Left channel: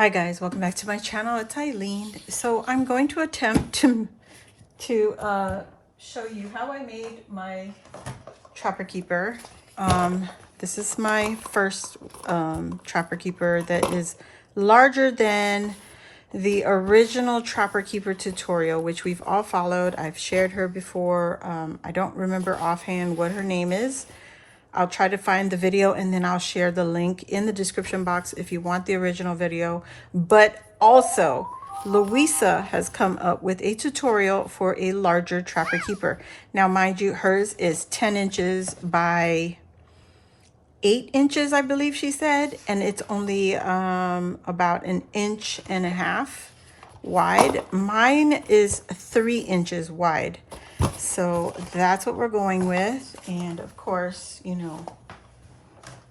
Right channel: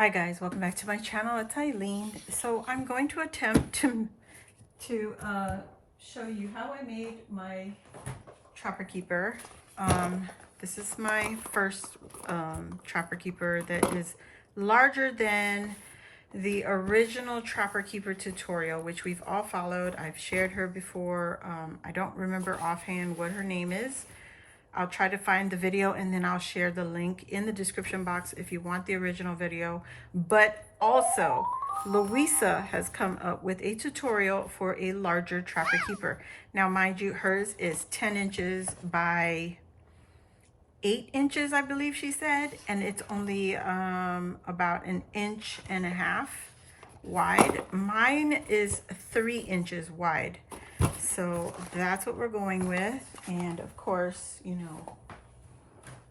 Hi guys, welcome back to my channel. It's Eileen. So I'm going to attempt to show you how I made my Trapper Keeper. This is my first Trapper Keeper that is larger than the original Trapper Keeper tutorial, which we've all followed. I've shared her before. I don't remember offhand what her name is. I'll try to find the video and then I'll share the link in the description box if you want the original video. But also, Luisa has come up with a tutorial for a larger Trapper Keeper. Now, mind you, hers is 10 inches by 8 inches, I believe she said. And it's only about 1.5 inches wide. Mine is 3 inches wide. So that's what we're going with. And of course, you know,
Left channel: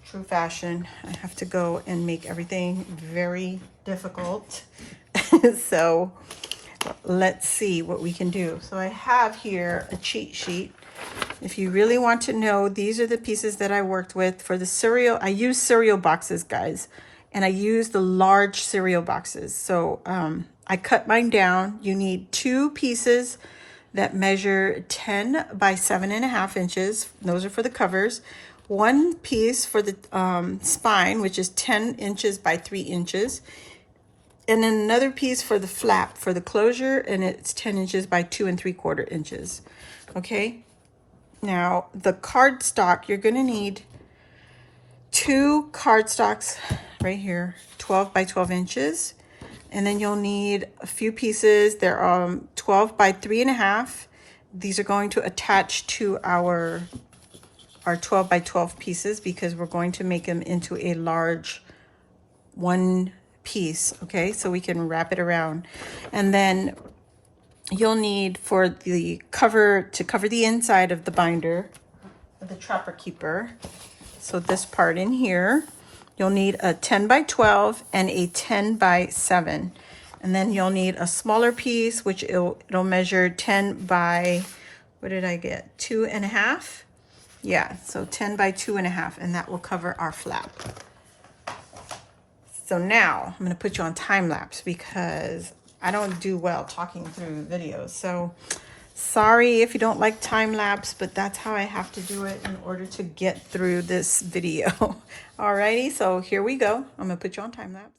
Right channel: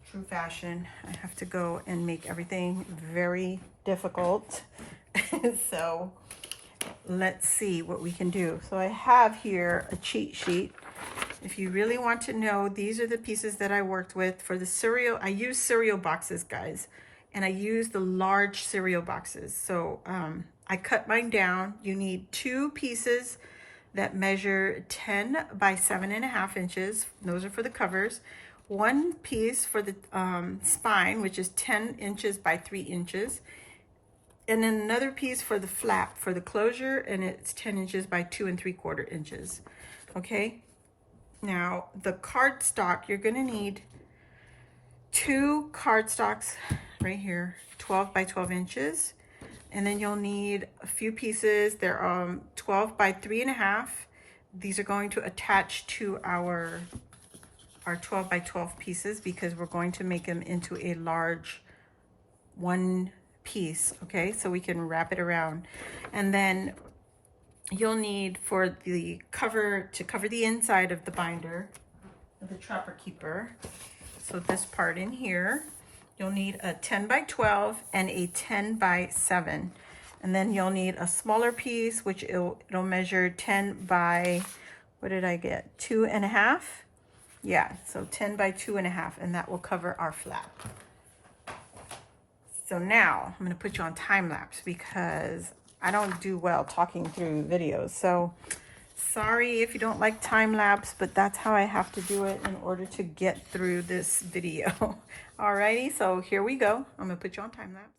true fashion, I have to go and make everything very difficult. So let's see what we can do. So I have here a cheat sheet. If you really want to know, these are the pieces that I worked with for the cereal. I use cereal boxes, guys, and I use the large cereal boxes. So I cut mine down. You need 2 pieces that measure 10 by 7.5 inches. Those are for the covers. 1 piece for the spine, which is 10 inches by 3 inches. And then another piece for the flap, for the closure, and it's 10 inches by 2 3/4 inches. Okay. Now, the cardstock, you're going to need 2 cardstocks right here, 12 by 12 inches. And then you'll need a few pieces. They're 12 by 3.5. These are going to attach to our 12 by 12 pieces because we're going to make them into a large 1 piece. Okay, so we can wrap it around. And then you'll need for the cover, to cover the inside of the binder, the Trapper Keeper. So this part in here, you'll need a 10 by 12 and a 10 by 7. And then you'll need a smaller piece, which it'll measure 10 by, what did I get? 2.5? Yeah, so 10 by 2.5, and that will cover our flap. So now I'm gonna put you on time lapse because I don't do well talking through videos. So sorry if you don't like time lapse, but that's how I have to do it in order to get through this video. Alrighty, so here we go. I'm gonna put you on time lapse.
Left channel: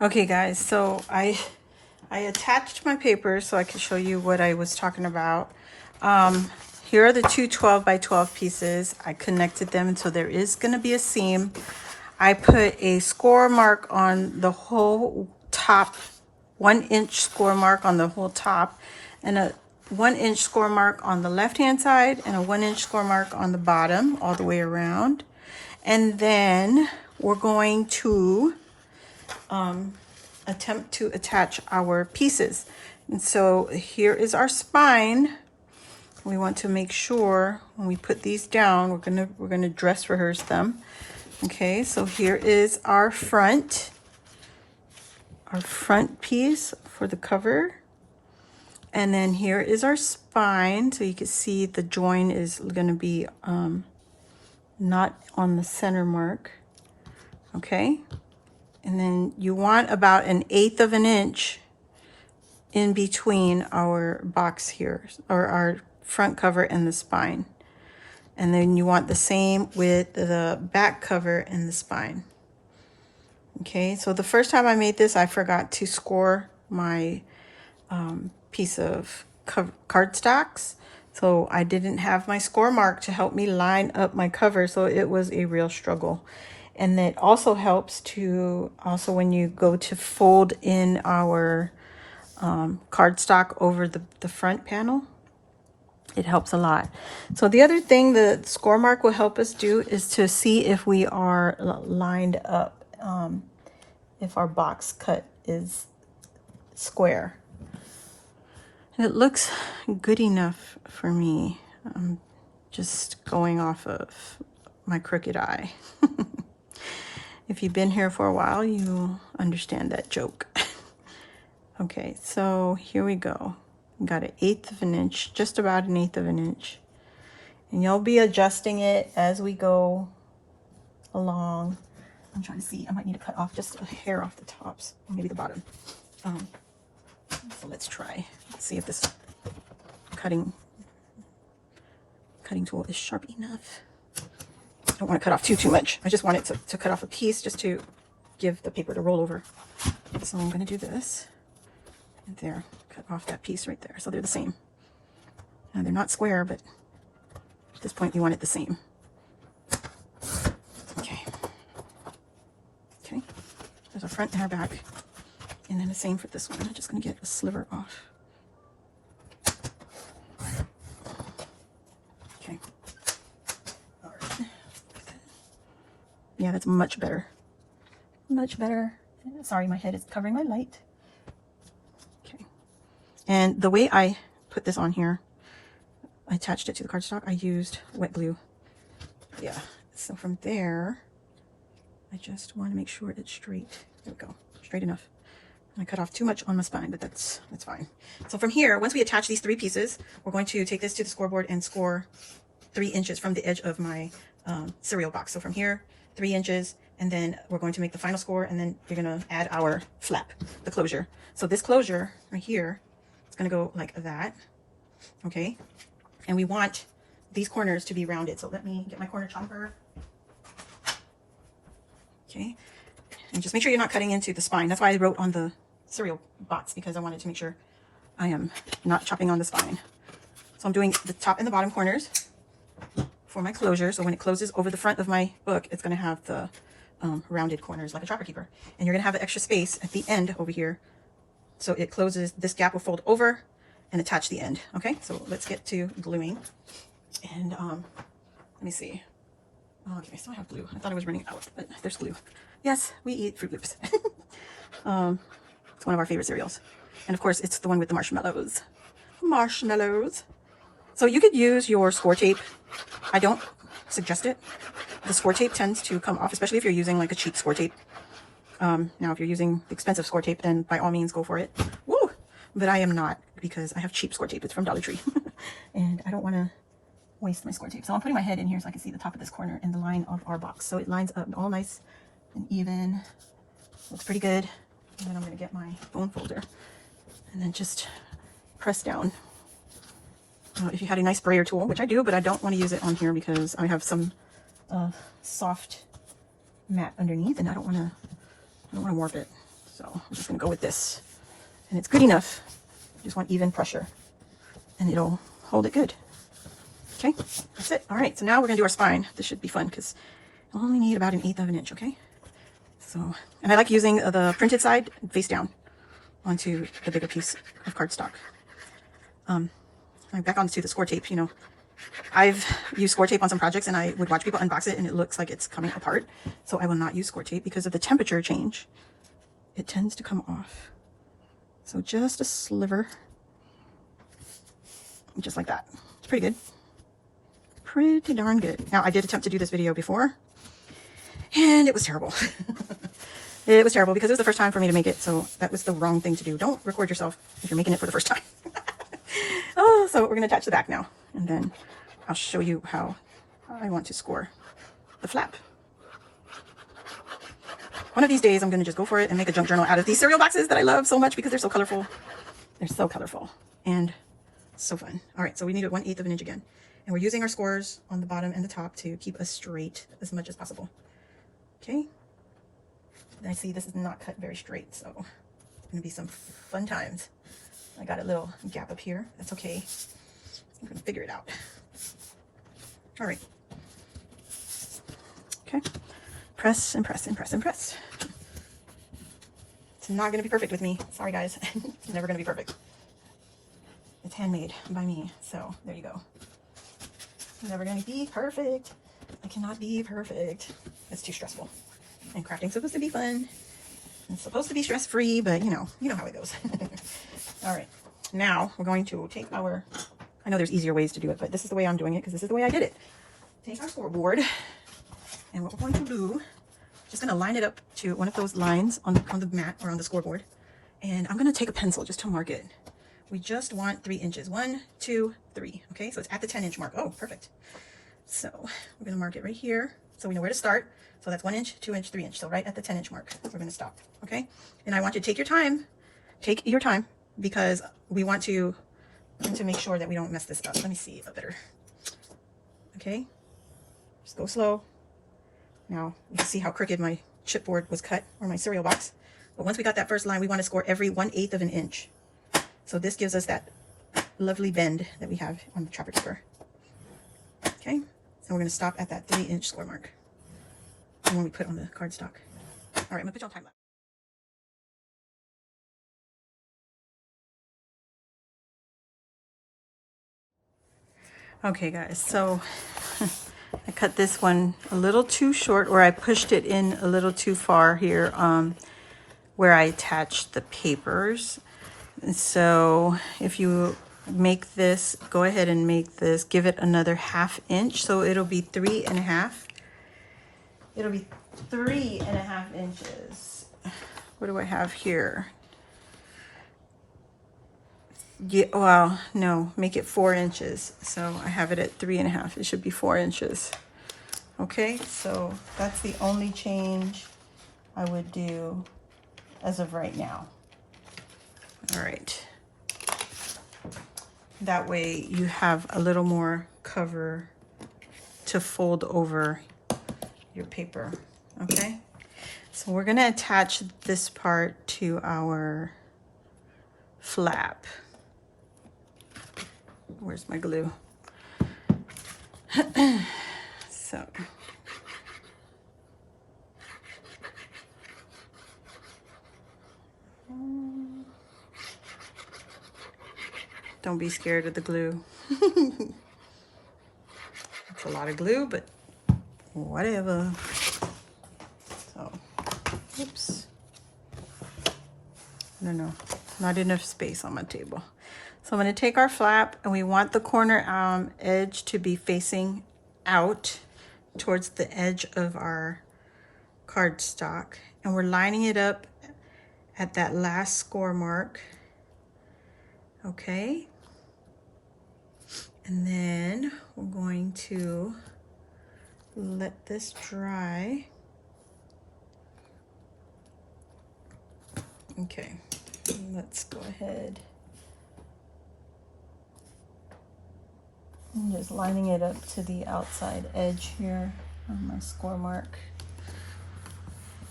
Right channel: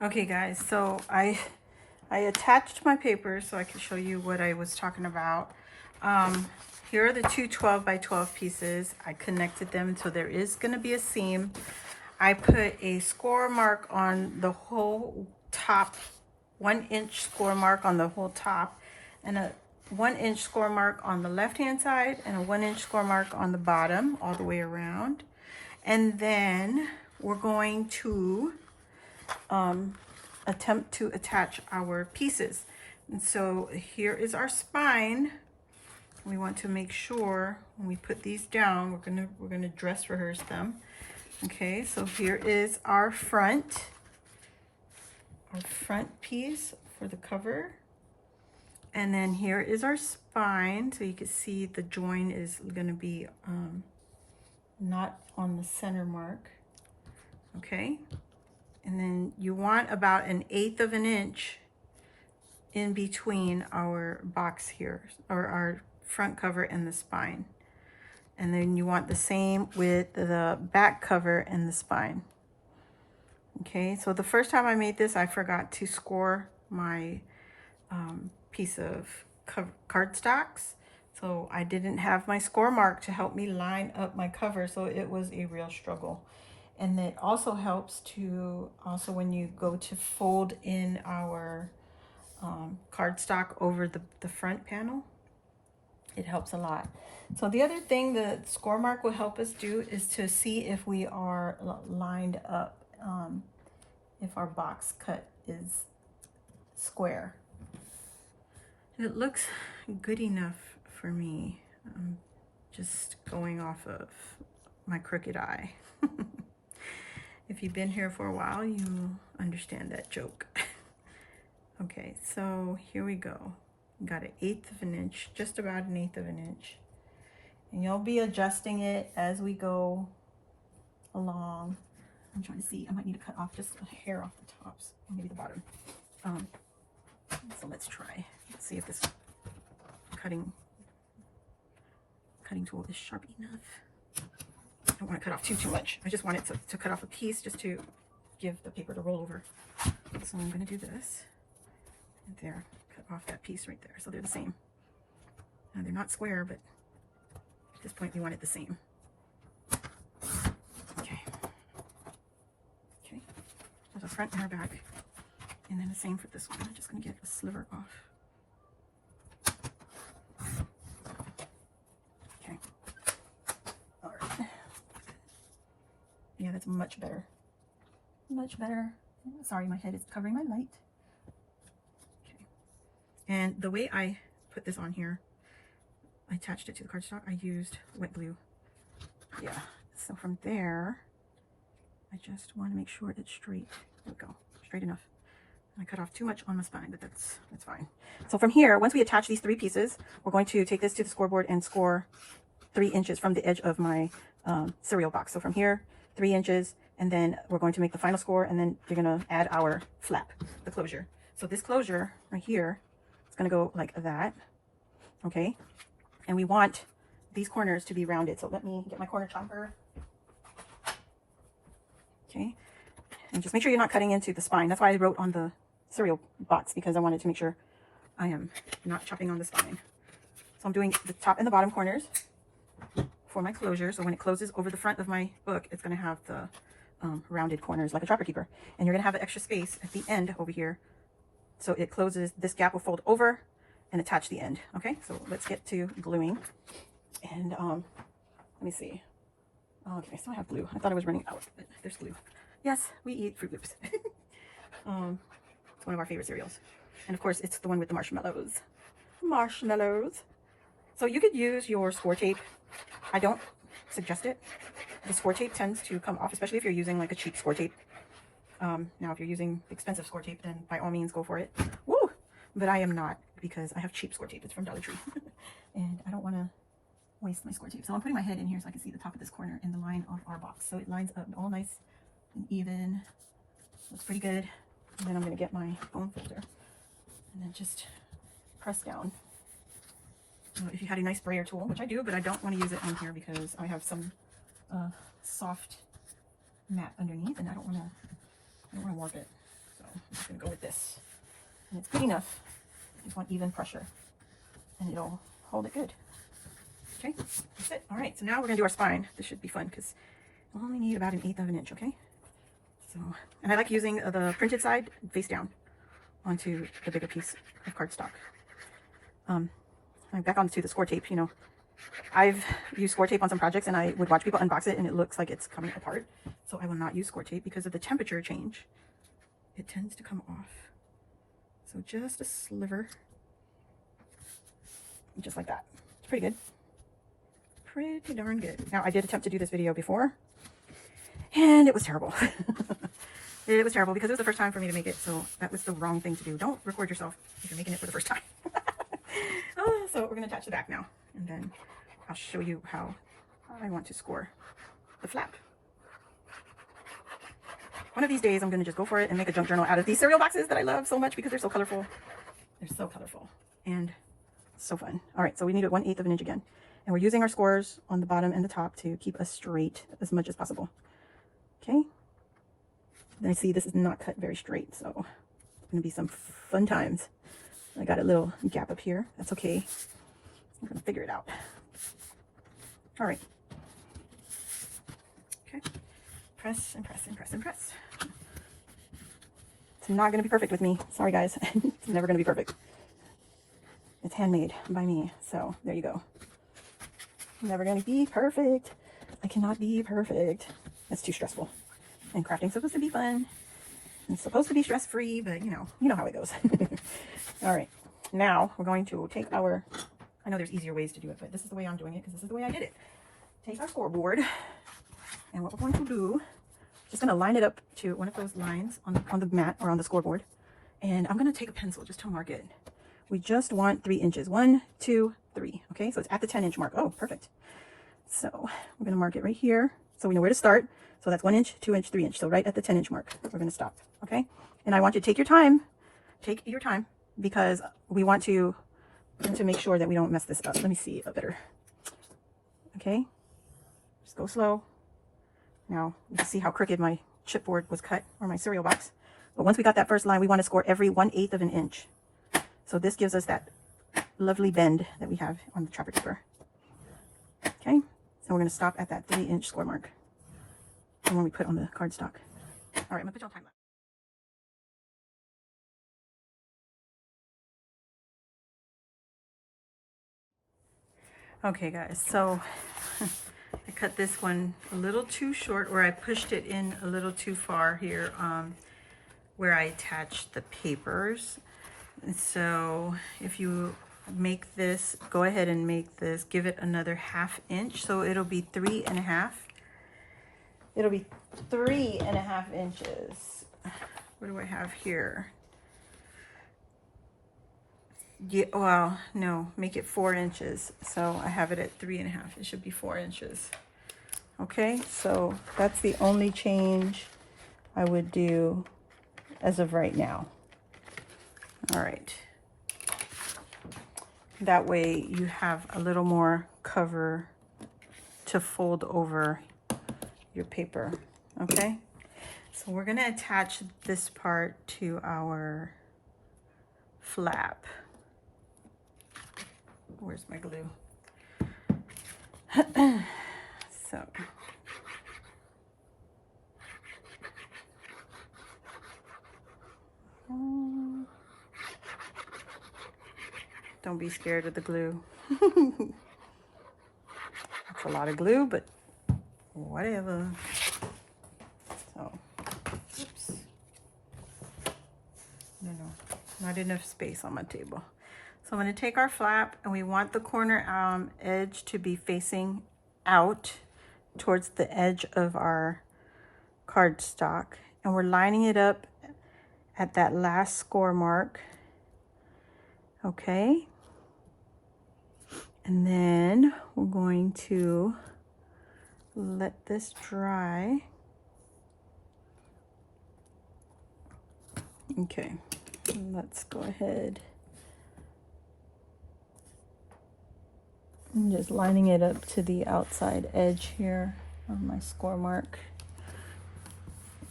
Okay guys, so I attached my paper so I could show you what I was talking about. Here are the 2 12 by 12 pieces. I connected them, so there is going to be a seam. I put a score mark on the whole top, 1 inch score mark on the whole top, and a 1 inch score mark on the left hand side, and a 1 inch score mark on the bottom all the way around. And then we're going to attempt to attach our pieces. And so here is our spine. We want to make sure when we put these down, we're gonna dress rehearse them. Okay, so here is our front piece for the cover. And then here is our spine. So you can see the join is gonna be not on the center mark. Okay. And then you want about 1/8 of an inch in between our box here, or our front cover and the spine. And then you want the same with the back cover and the spine. Okay, so the first time I made this, I forgot to score my piece of cardstocks. So I didn't have my score mark to help me line up my cover. So it was a real struggle. And it also helps to, when you go to fold in our cardstock over the front panel, It helps a lot. So the other thing the score mark will help us do is to see if we are lined up, if our box cut is square. And it looks good enough for me. I'm just going off of my crooked eye. If you've been here for a while, you'll understand that joke. Okay, so here we go. Got 1/8 of an inch, just about 1/8 of an inch. And you'll be adjusting it as we go along. I'm trying to see, I might need to cut off just a hair off the tops, or maybe the bottom. So let's try. Let's see if this cutting tool is sharp enough. I don't want to cut off too much. I just want it to cut off a piece just to give the paper to roll over. So I'm going to do this. And there, cut off that piece right there. So they're the same. Now they're not square, but at this point you want it the same. Okay. Okay. There's a front and our back. And then the same for this one. I'm just going to get a sliver off. Okay. All right. Yeah, that's much better. Much better. Sorry, my head is covering my light. Okay. And the way I put this on here, I attached it to the cardstock. I used wet glue. Yeah. So from there, I just want to make sure it's straight. There we go. Straight enough. I cut off too much on my spine, but that's fine. So from here, once we attach these 3 pieces, we're going to take this to the scoreboard and score 3 inches from the edge of my cereal box. So from here, 3 inches, and then we're going to make the final score, and then we're going to add our flap, the closure. So this closure right here, it's going to go like that, okay? And we want these corners to be rounded. So let me get my corner chomper. Okay, and just make sure you're not cutting into the spine. That's why I wrote on the cereal box, because I wanted to make sure I am not chopping on the spine. So I'm doing the top and the bottom corners for my closure. So when it closes over the front of my book, it's going to have the rounded corners like a chopper keeper. And you're going to have an extra space at the end over here. So it closes, this gap will fold over and attach the end. Okay, so let's get to gluing. And let me see. Okay, I still have glue. I thought I was running out, but there's glue. Yes, we eat Fruit Loops. It's one of our favorite cereals. And of course, it's the one with the marshmallows. Marshmallows. So you could use your score tape. I don't suggest it. The score tape tends to come off, especially if you're using like a cheap score tape. Now, if you're using the expensive score tape, then by all means go for it. Woo! But I am not, because I have cheap score tape. It's from Dollar Tree. And I don't want to waste my score tape. So I'm putting my head in here so I can see the top of this corner and the line of our box. So it lines up all nice and even. Looks pretty good. And then I'm going to get my bone folder and then just press down. If you had a nice sprayer tool, which I do, but I don't want to use it on here because I have some soft mat underneath, and I don't want to warp it. So I'm just going to go with this, and it's good enough. I just want even pressure, and it'll hold it good. Okay, that's it. All right, so now we're going to do our spine. This should be fun because I only need about 1/8 of an inch, okay? So, and I like using the printed side face down onto the bigger piece of cardstock. Back onto the score tape, you know, I've used score tape on some projects and I would watch people unbox it and it looks like it's coming apart. So I will not use score tape because of the temperature change. It tends to come off. So just a sliver, just like that. It's pretty good. Pretty darn good. Now, I did attempt to do this video before and it was terrible. It was terrible because it was the first time for me to make it. So that was the wrong thing to do. Don't record yourself if you're making it for the first time. Oh, so we're going to attach the back now. And then I'll show you how I want to score the flap. One of these days, I'm going to just go for it and make a junk journal out of these cereal boxes that I love so much because they're so colorful. They're so colorful and so fun. All right, so we need 1/8 of an inch again. And we're using our scores on the bottom and the top to keep us straight as much as possible. Okay. Let me see, this is not cut very straight, so it's going to be some fun times. I got a little gap up here. That's okay. I'm going to figure it out. All right. Okay. Press and press and press and press. It's not going to be perfect with me. Sorry, guys. It's never going to be perfect. It's handmade by me, so there you go. I'm never gonna be perfect. I cannot be perfect. It's too stressful. And crafting's supposed to be fun. It's supposed to be stress-free, but you know how it goes. All right, now we're going to take our, I know there's easier ways to do it, but this is the way I'm doing it because this is the way I did it. Take our scoreboard, and what we're going to do, just gonna line it up to one of those lines on the mat or on the scoreboard. And I'm gonna take a pencil just to mark it. We just want 3 inches. 1, 2, 3. Okay, so it's at the 10-inch mark. Oh, perfect. So we're gonna mark it right here so we know where to start. So that's 1 inch, 2 inch, 3 inch. So right at the 10-inch mark, we're gonna stop. Okay, and I want you to take your time. Take your time because we want to make sure that we don't mess this up. Let me see a better. Okay, just go slow. Now you can see how crooked my chipboard was cut, or my cereal box. But once we got that first line, we want to score every 1/8 of an inch. So this gives us that lovely bend that we have on the Trapper Keeper. Okay, so we're going to stop at that 3-inch score mark. And when we put on the cardstock. All right, I'm going to put you on time lapse. Okay, guys, so I cut this one a little too short, or I pushed it in a little too far here where I attached the papers. So if you make this, go ahead and make this, give it another 1/2 inch. So it'll be 3.5. It'll be 3.5 inches. What do I have here? Yeah, well, no, make it 4 inches. So I have it at 3.5. It should be 4 inches. Okay, so that's the only change I would do as of right now. All right. That way you have a little more cover to fold over your paper. Okay, so we're gonna attach this part to our flap. Where's my glue? So don't be scared of the glue. It's a lot of glue, but whatever. So, oops. No, not enough space on my table. So I'm going to take our flap, and we want the corner edge to be facing out towards the edge of our cardstock. And we're lining it up at that last score mark. Okay. And then we're going to let this dry. Okay, let's go ahead and just lining it up to the outside edge here on my score mark.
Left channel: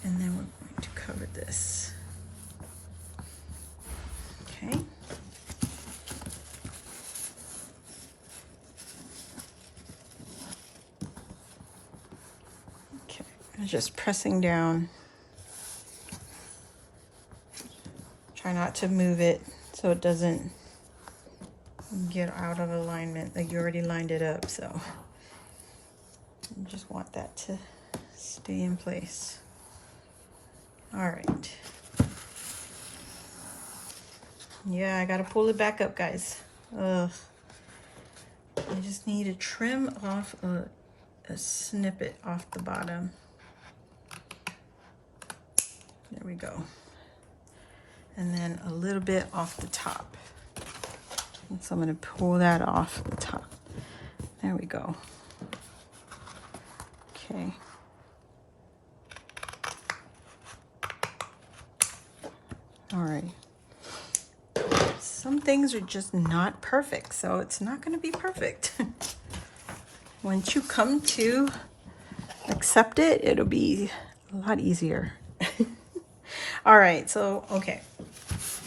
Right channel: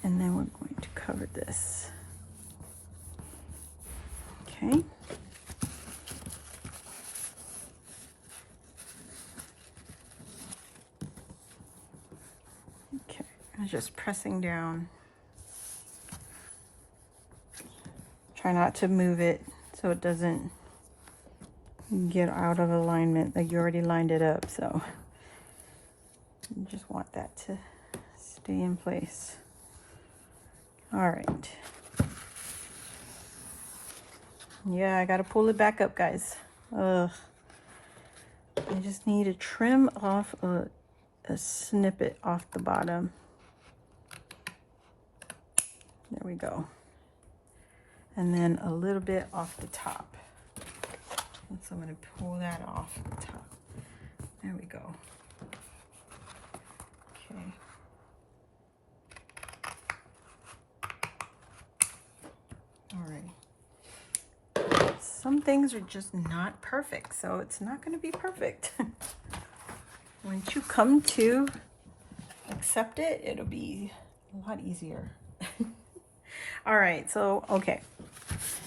And then we're going to cover this. Okay. Okay, I'm just pressing down. Try not to move it so it doesn't get out of alignment. Like you already lined it up, so you just want that to stay in place. All right. Yeah, I gotta pull it back up, guys. Ugh. I just need to trim off a snippet off the bottom. There we go. And then a little bit off the top. And so I'm going to pull that off the top. There we go. Okay. All right. Some things are just not perfect, so it's not going to be perfect. Once you come to accept it, it'll be a lot easier. All right, so okay,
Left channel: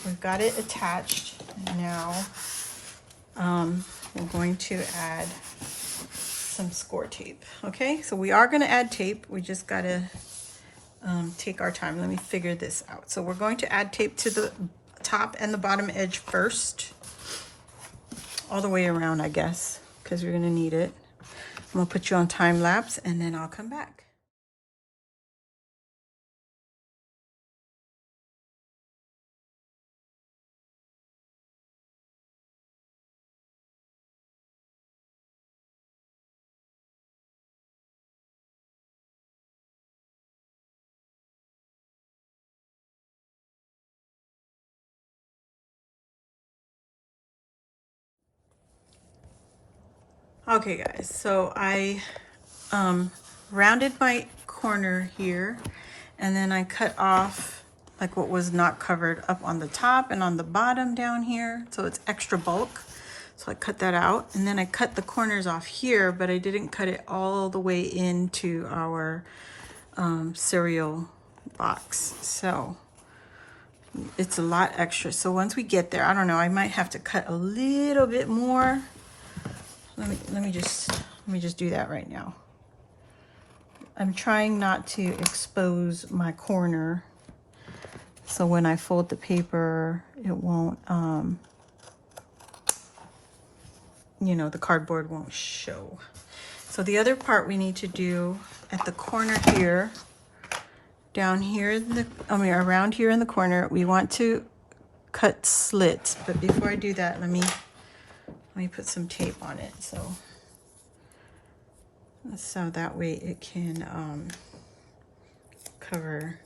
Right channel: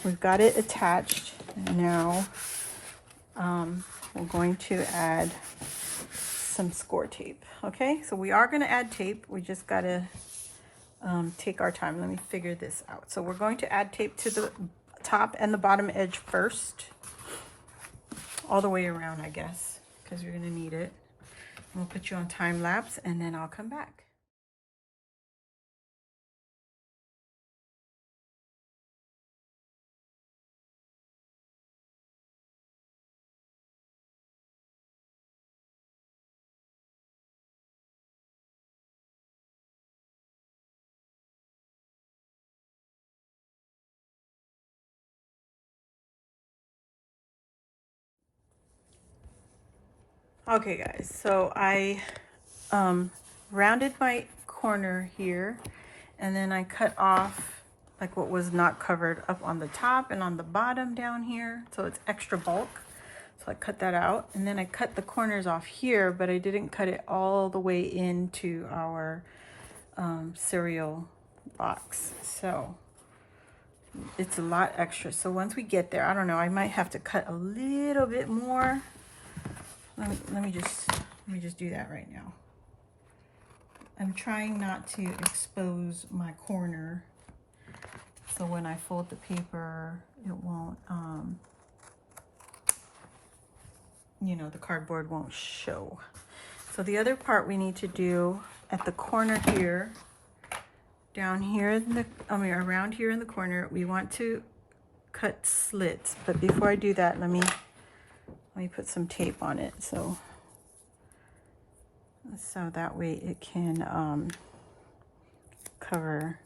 we've got it attached now. We're going to add some score tape. Okay, so we are going to add tape. We just got to take our time. Let me figure this out. So we're going to add tape to the top and the bottom edge first, all the way around, I guess, because we're going to need it. I'm gonna put you on time lapse and then I'll come back. Okay guys, so I rounded my corner here and then I cut off like what was not covered up on the top and on the bottom down here, so it's extra bulk. So I cut that out and then I cut the corners off here, but I didn't cut it all the way into our cereal box. So it's a lot extra. So once we get there, I don't know, I might have to cut a little bit more. Let me just do that right now. I'm trying not to expose my corner, so when I fold the paper, it won't, you know, the cardboard won't show. So the other part we need to do at the corner here, down here in the, around here in the corner, we want to cut slits. But before I do that, let me put some tape on it, so that way it can cover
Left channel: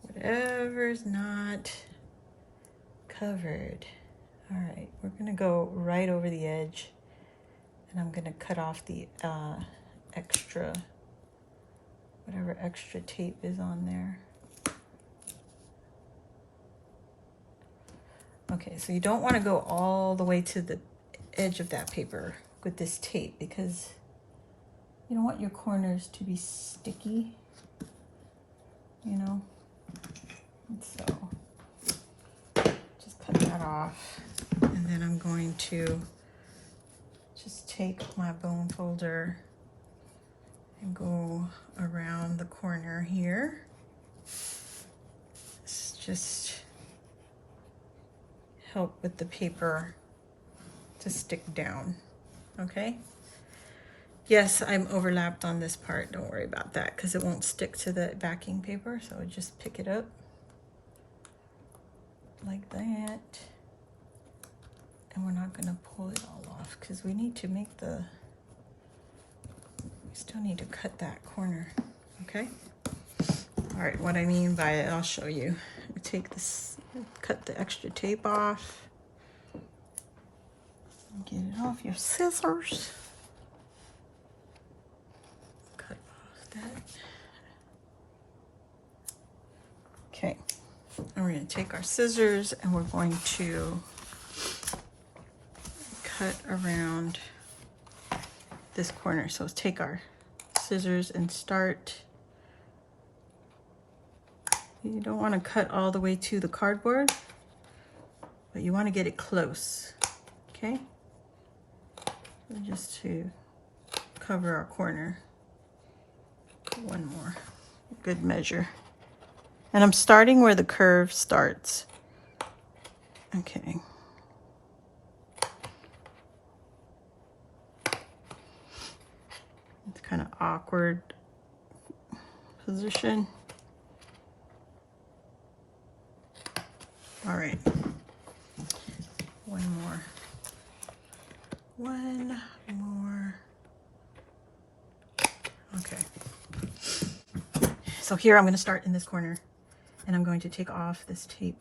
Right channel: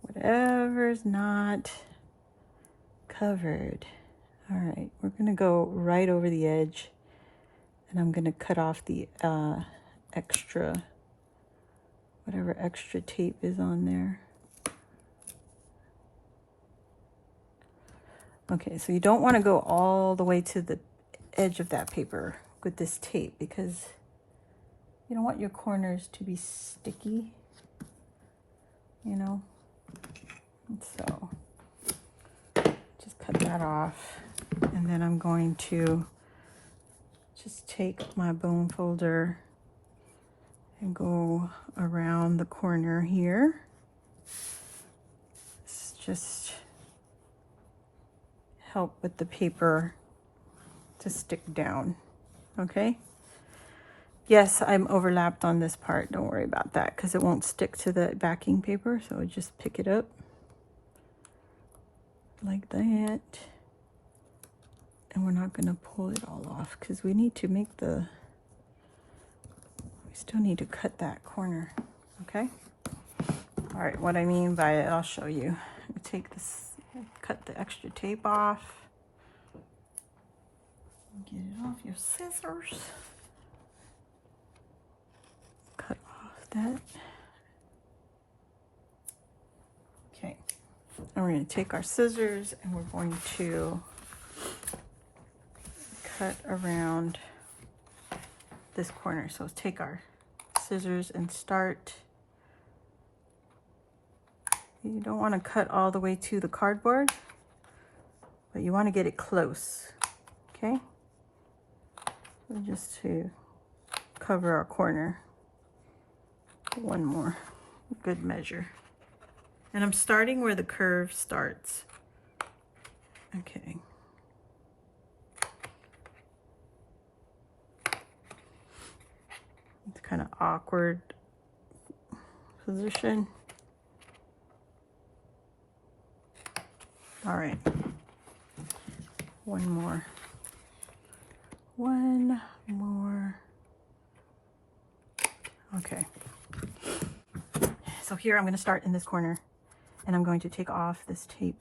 whatever's not covered. All right, we're gonna go right over the edge and I'm gonna cut off the extra, whatever extra tape is on there. Okay, so you don't want to go all the way to the edge of that paper with this tape because you don't want your corners to be sticky, you know. And so just cut that off. And then I'm going to just take my bone folder and go around the corner here. It's just help with the paper to stick down, okay? Yes, I'm overlapped on this part. Don't worry about that because it won't stick to the backing paper. So just pick it up like that. And we're not going to pull it all off because we need to make we still need to cut that corner, okay? All right, what I mean by it, I'll show you. I take this, cut the extra tape off. Get it off your scissors. Cut off that. Okay, and we're going to take our scissors and we're going to cut around this corner. So let's take our scissors and start. You don't want to cut all the way to the cardboard, but you want to get it close, okay? So just to cover our corner. One more, good measure. And I'm starting where the curve starts. Okay. It's kind of awkward position. All right. One more. Okay. So here I'm going to start in this corner and I'm going to take off this tape.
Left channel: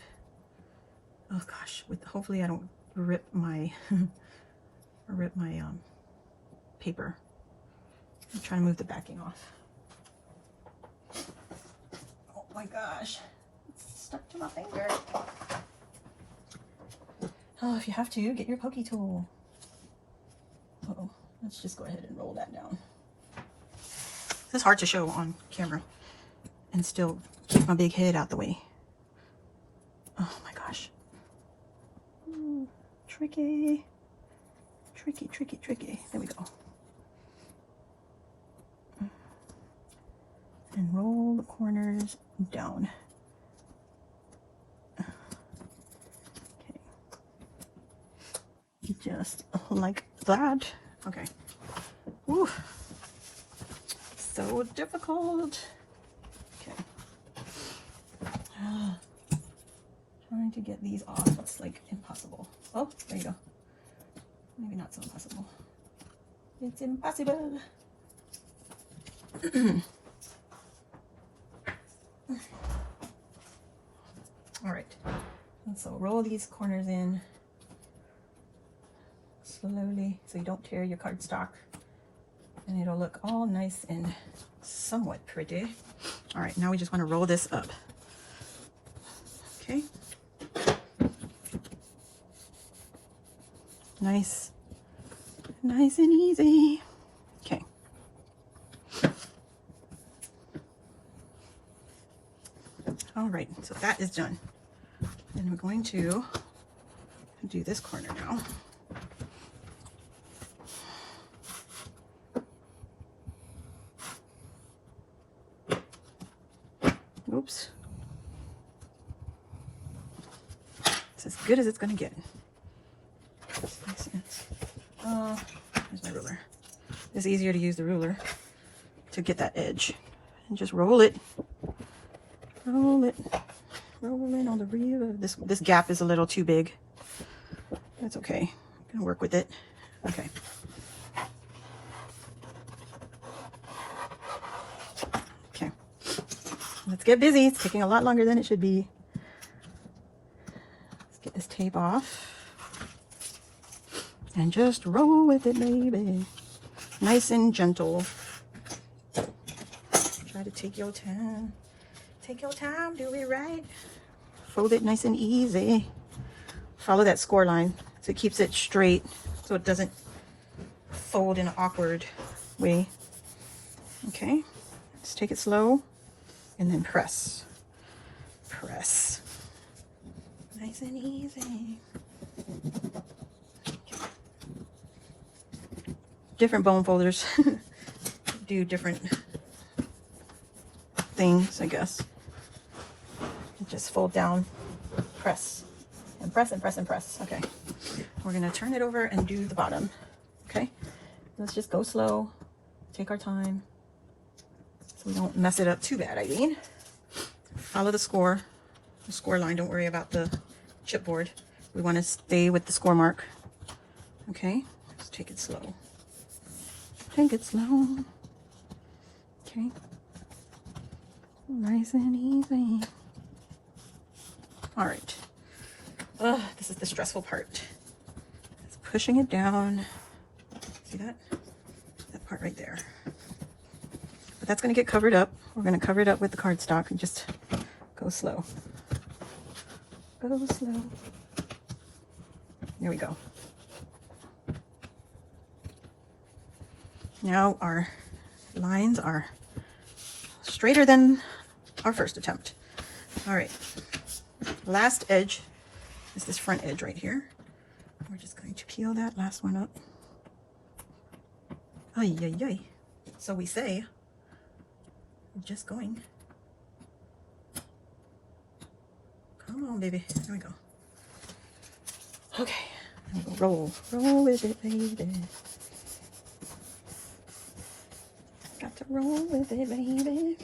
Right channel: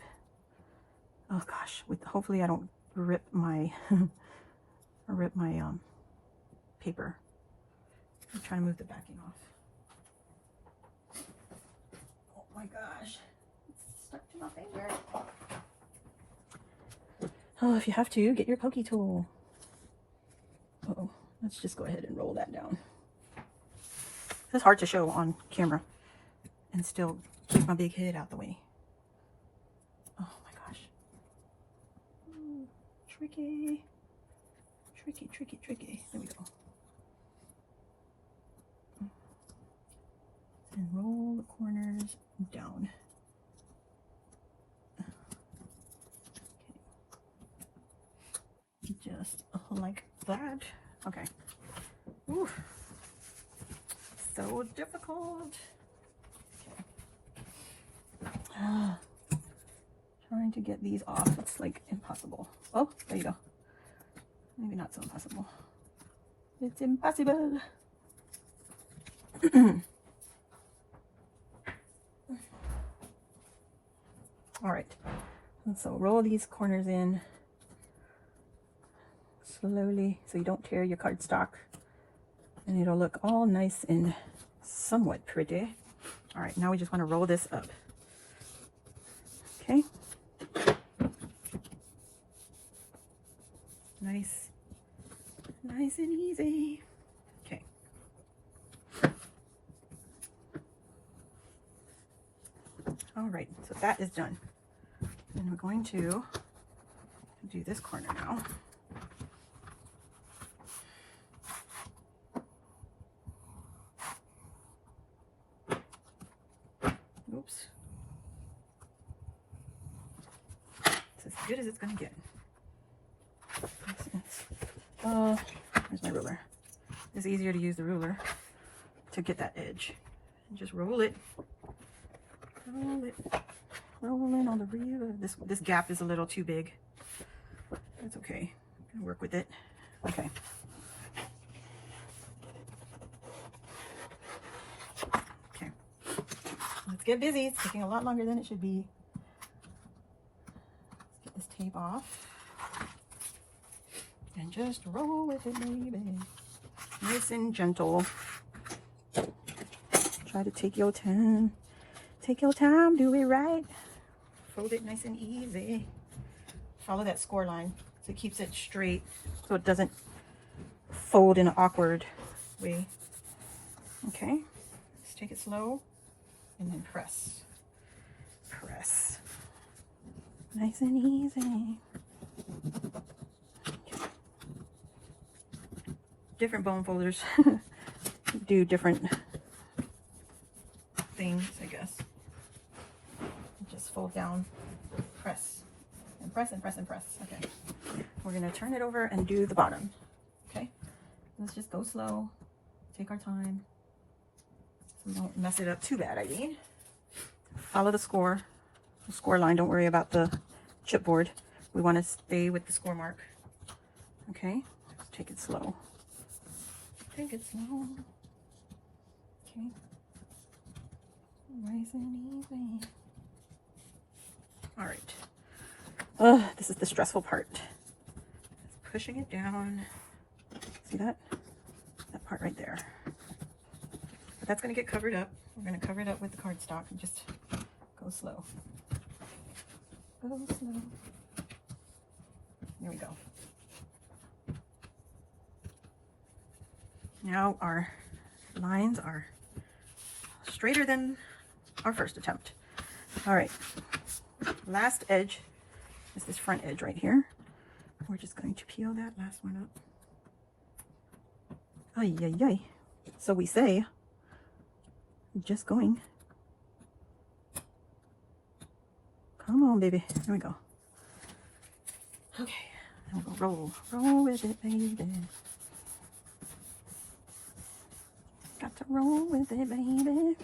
Oh gosh, hopefully I don't rip my paper. I'm trying to move the backing off. Oh my gosh, it's stuck to my finger. Oh, if you have to, get your pokey tool. Uh-oh. Let's just go ahead and roll that down. This is hard to show on camera and still keep my big head out the way. Oh my gosh. Ooh, tricky. Tricky, tricky, tricky. There we go. And roll the corners down. Okay. Just like that. Okay. Whew. So difficult. Okay. Trying to get these off. It's like impossible. Oh, there you go. Maybe not so impossible. It's impossible. All right. And so roll these corners in slowly so you don't tear your cardstock. And it'll look all nice and somewhat pretty. All right, now we just want to roll this up. Okay. Nice and easy. Okay. All right, so that is done. And we're going to do this corner now. Oops. It's as good as it's going to get. Makes sense. Here's my ruler. It's easier to use the ruler to get that edge. And just roll it. Roll it. Roll in on the rear. This gap is a little too big. That's okay. I'm gonna work with it. Okay. Okay. Let's get busy. It's taking a lot longer than it should be. Let's get this tape off. And just roll with it, baby. Nice and gentle. Try to take your time. Take your time, do it right. Fold it nice and easy. Follow that score line so it keeps it straight, so it doesn't fold in an awkward way. Okay, let's take it slow and then press. Press. Nice and easy. Okay. Different bone folders do different things, I guess. Just fold down, press, and press, and press, and press. Okay, we're gonna turn it over and do the bottom. Okay, let's just go slow, take our time, so we don't mess it up too bad. I mean, follow the score line. Don't worry about the chipboard. We want to stay with the score mark. Okay, let's take it slow. Take it slow. Okay, nice and easy. All right. This is the stressful part. It's pushing it down. See that? That part right there. But that's going to get covered up. We're going to cover it up with the cardstock and just go slow. Go slow. There we go. Now our lines are straighter than our first attempt. All right. Last edge is this front edge right here. We're just going to peel that last one up. Ay, ay, ay. So we say, just going. Come on, baby. Here we go. Okay. And we'll roll. Roll with it, baby. Got to roll with it, baby.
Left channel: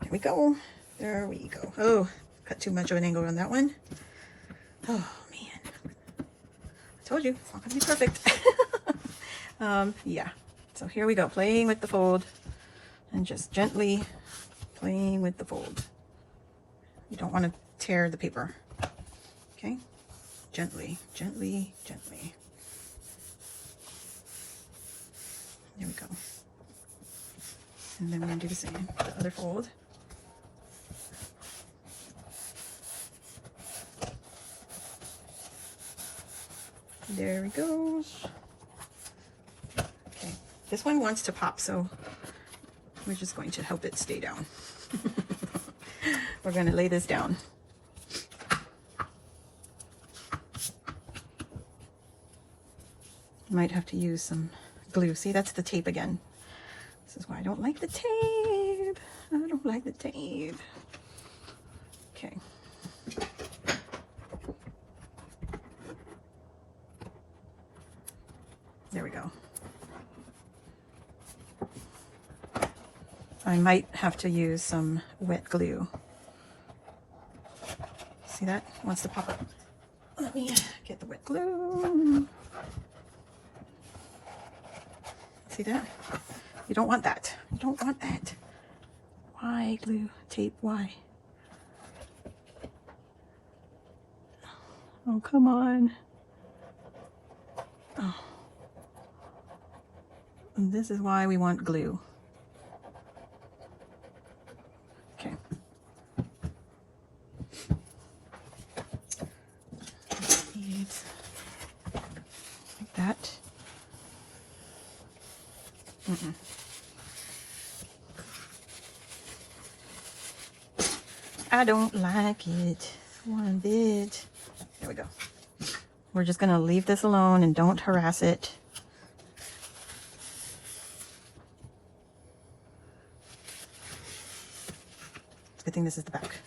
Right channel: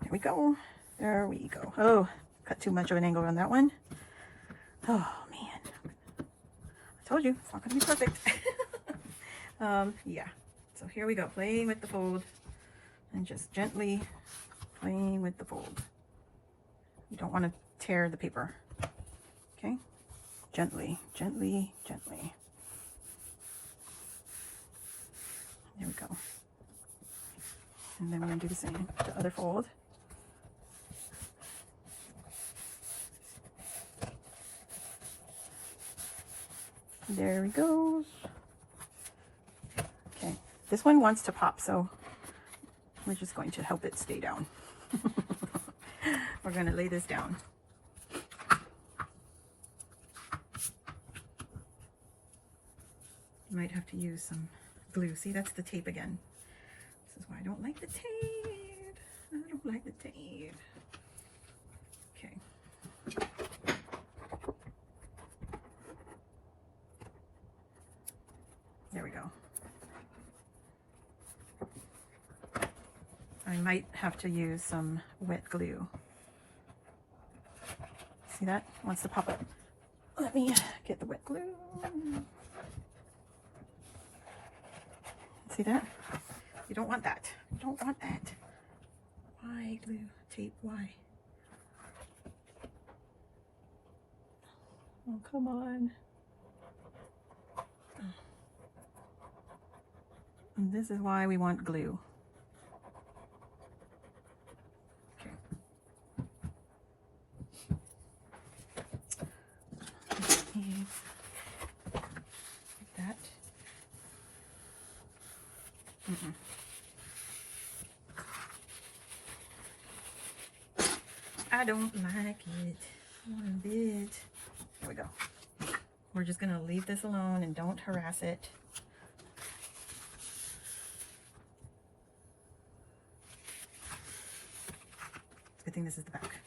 There we go. There we go. Oh, cut too much of an angle on that one. Oh, man. I told you, it's not going to be perfect. Yeah. So here we go. Playing with the fold. And just gently playing with the fold. You don't want to tear the paper. Okay? Gently, gently, gently. There we go. And then we're going to do the same. The other fold. There he goes. Okay, this one wants to pop, so we're just going to help it stay down. We're going to lay this down. Might have to use some glue. See, that's the tape again. This is why I don't like the tape. I don't like the tape. Okay. There we we go. I might have to use some wet glue. See that? It wants to pop up. Let me get the wet glue. See that? You don't want that. You don't want that. Why glue tape? Why? Oh, come on. Oh. And this is why we want glue. Okay. Needs that. I don't like it one bit. There we go. We're just gonna leave this alone and don't harass it. It's a good thing this is the back.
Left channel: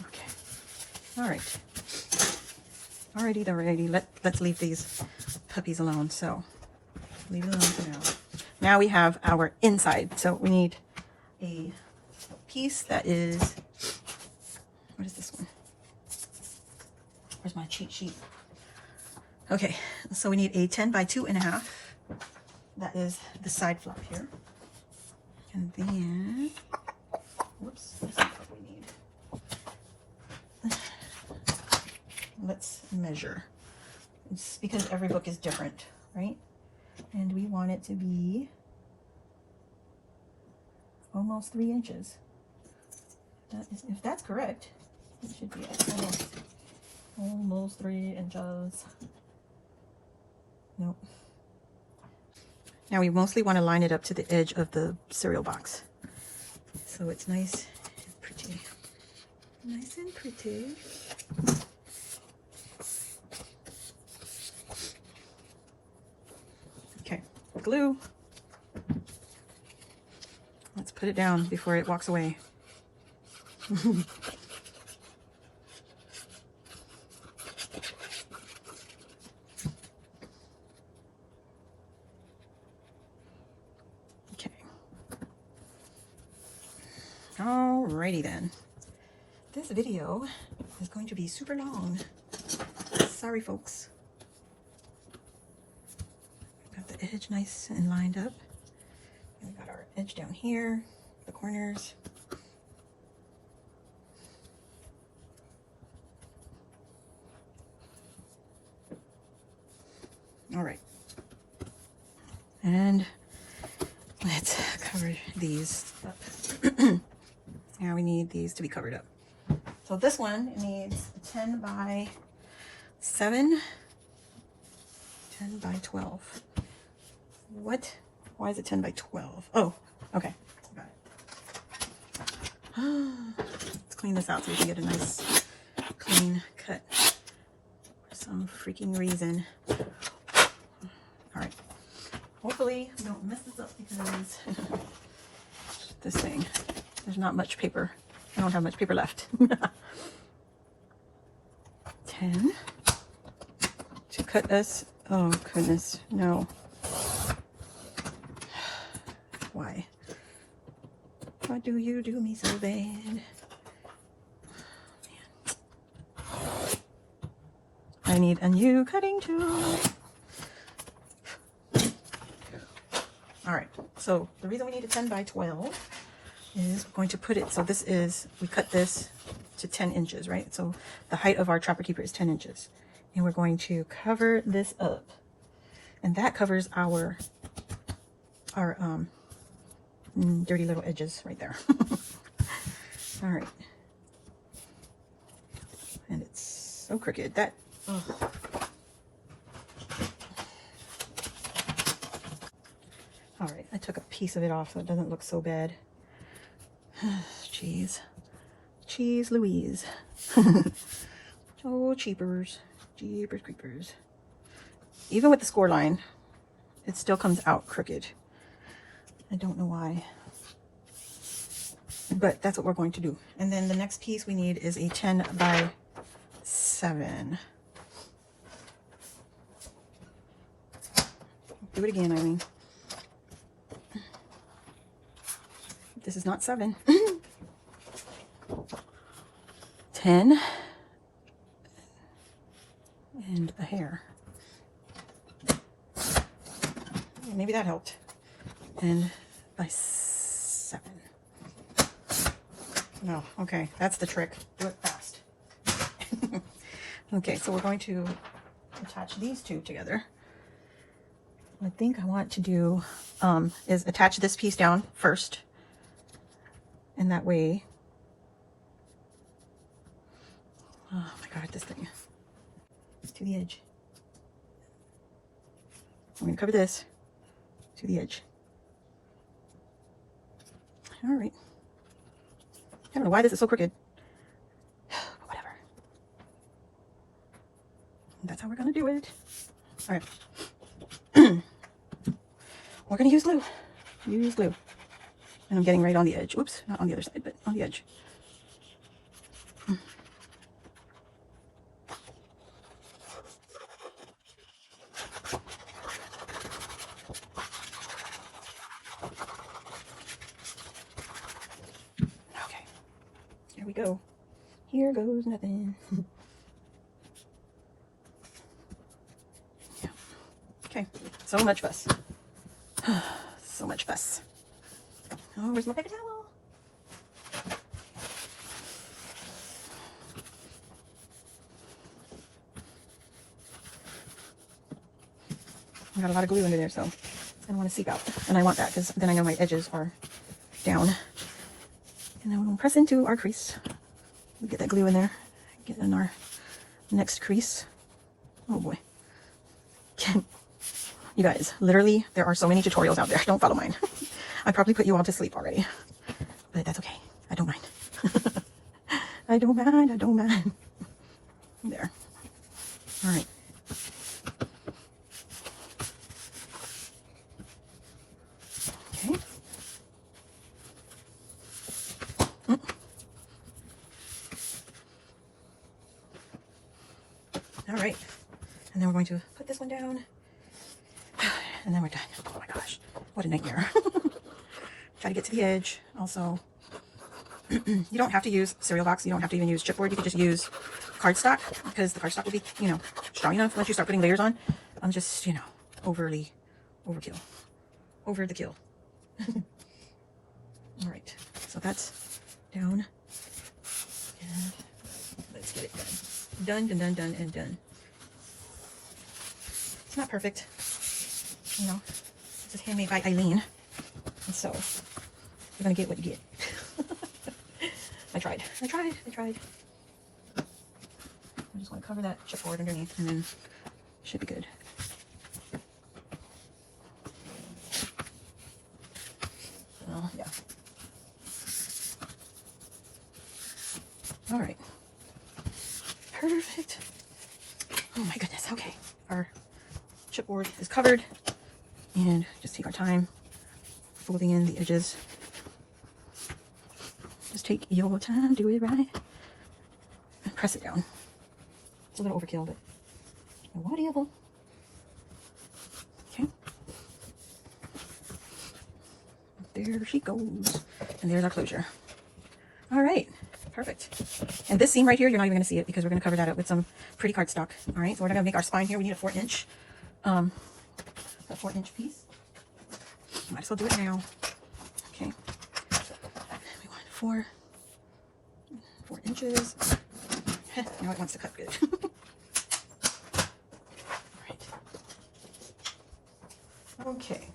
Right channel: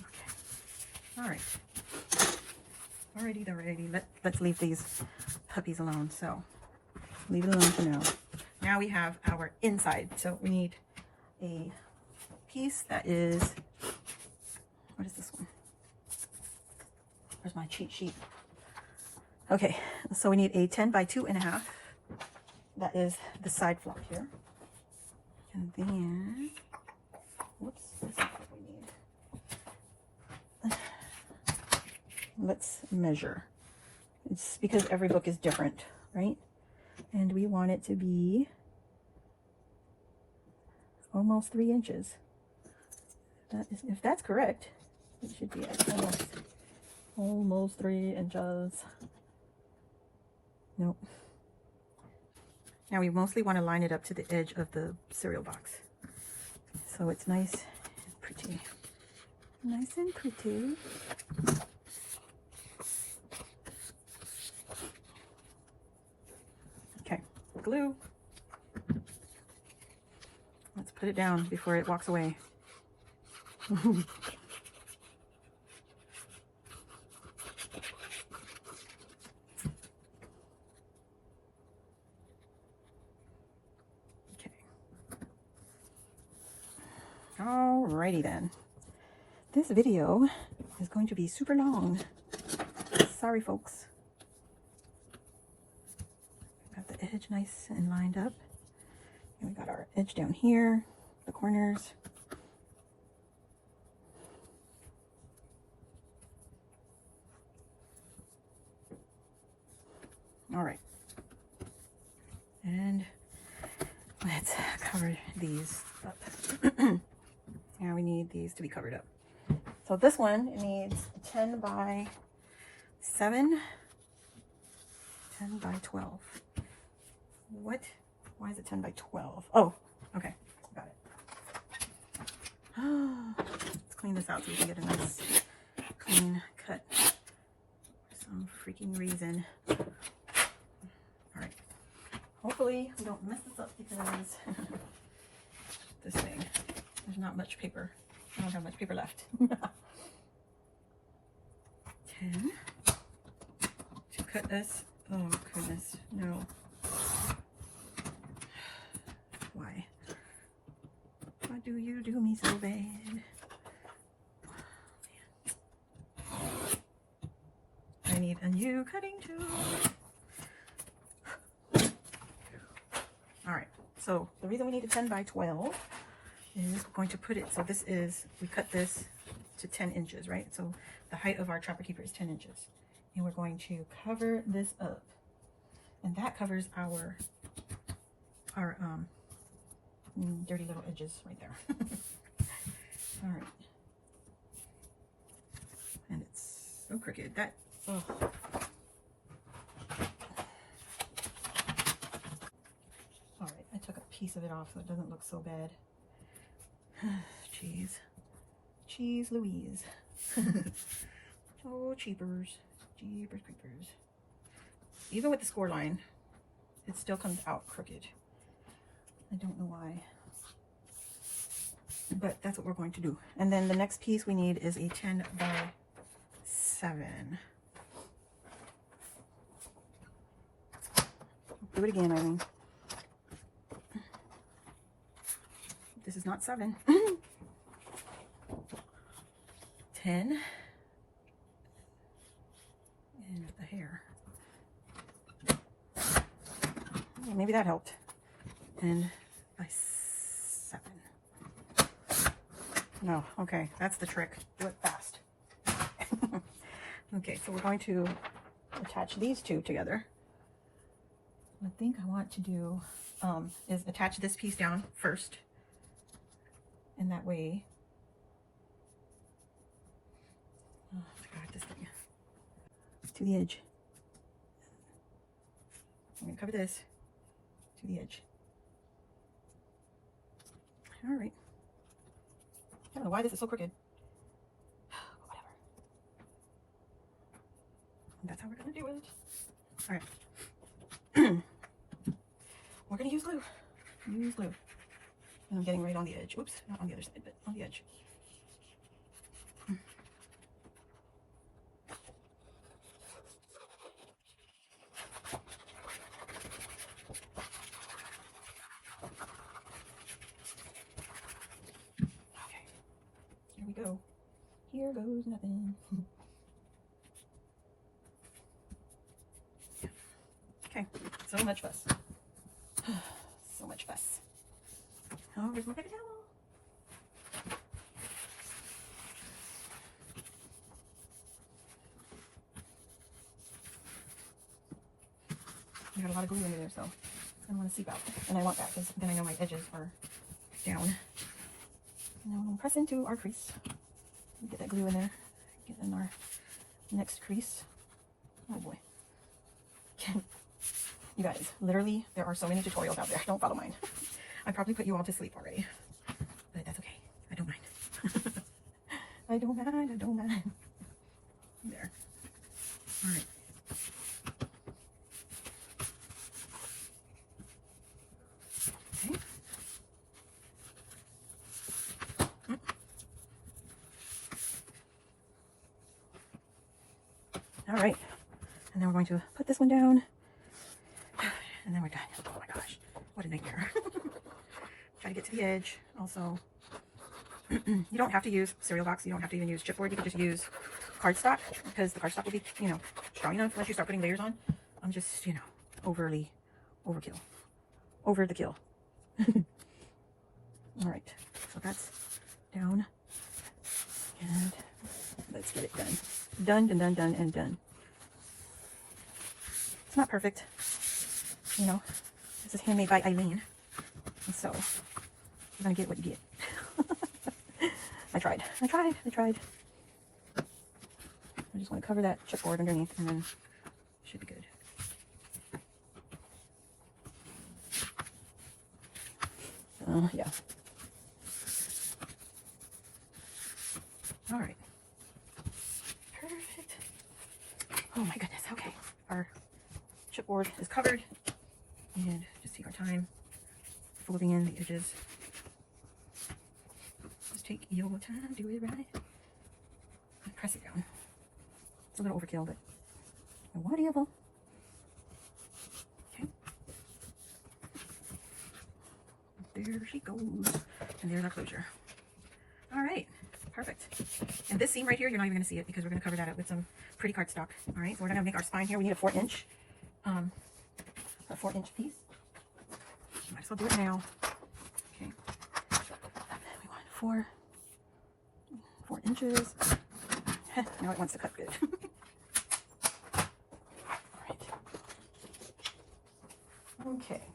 Okay. All right. Alrighty. Let's leave these puppies alone. So leave it alone for now. Now we have our inside. So we need a piece that is, what is this one? Where's my cheat sheet? Okay, so we need a 10 by 2.5. That is the side flap here. And then, whoops, that's not what we need. Let's measure. It's because every book is different, right? And we want it to be almost 3 inches. That is, if that's correct, it should be almost 3 inches. Nope. Now we mostly want to line it up to the edge of the cereal box, so it's nice and pretty. Nice and pretty. Okay, glue. Let's put it down before it walks away. Okay. Alrighty then. This video is going to be super long. Sorry, folks. Got the edge nice and lined up. We've got our edge down here, the corners. All right. And let's cover these up. Now we need these to be covered up. So this one, it needs 10 by 7, 10 by 12. What? Why is it 10 by 12? Oh, okay. Got it. Let's clean this out so we can get a nice clean cut for some freaking reason. All right. Hopefully we don't mess this up because this thing, there's not much paper. I don't have much paper left. 10 to cut us. Oh goodness, no. Why? Why do you do me so bad? Oh, I need a new cutting tool. All right, so the reason we need a 10 by 12 is we're going to put it, so this is, we cut this to 10 inches, right? So the height of our Trapper Keeper is 10 inches. And we're going to cover this up. And that covers our dirty little edges right there. All right. And it's so crooked. That, ugh. All right, I took a piece of it off so it doesn't look so bad. Jeez. Cheese Louise. Oh, cheapers. Jeepers creepers. Even with the score line, it still comes out crooked. I don't know why. But that's what we're going to do. And then the next piece we need is a 10 by 7. Do it again, Eileen. This is not 7. 10. And a hair. Maybe that helped. And by 7. No, okay, that's the trick. Do it fast. Okay, so we're going to attach these two together. What I think I want to do is attach this piece down first. And that way, oh my God, this thing, to the edge. I'm going to cover this to the edge. All right. I don't know why this is so crooked. But whatever. That's how we're going to do it. All right. We're going to use glue. Use glue. And I'm getting right on the edge. Oops, not on the other side, but on the edge. Okay, here we go. Here goes nothing. Yeah. Okay, so much fuss. So much fuss. Oh, where's my paper towel? I got a lot of glue under there, so I don't want to seep out. And I want that because then I know my edges are down. And then we'll press into our crease. We'll get that glue in there. Get in our next crease. Oh boy. You guys, literally, there are so many tutorials out there. Don't follow mine. I probably put you all to sleep already. But that's okay. I don't mind. I don't mind. I don't mind. There. All right. Okay. All right. And then we're going to put this one down. And then we're done. Oh my gosh. What a nightmare. Try to get to the edge. Also, you don't have to use cereal box. You don't have to even use chipboard. You could just use cardstock because the cardstock will be, you know, strong enough once you start putting layers on. I'm just, you know, overkill. Over the kill. All right. So that's down. And let's get it done. Done, done, done, done, and done. It's not perfect. You know, this is handmade by Eileen. And so, you're going to get what you get. I tried. I just want to cover that chipboard underneath and then it should be good. Yeah. All right. Perfect. Oh my goodness. Okay. Our chipboard is covered. And just take our time folding in the edges. Just take your time, do it right. And press it down. It's a little overkill, but whatever. Okay. There she goes. And there's our closure. All right. Perfect. And this seam right here, you're not even going to see it because we're going to cover that up with some pretty cardstock. All right. So we're going to make our spine here. We need a 4-inch. A 4-inch piece. Might as well do it now. Okay. We want 4 inches. Now it wants to cut good. All right. Okay.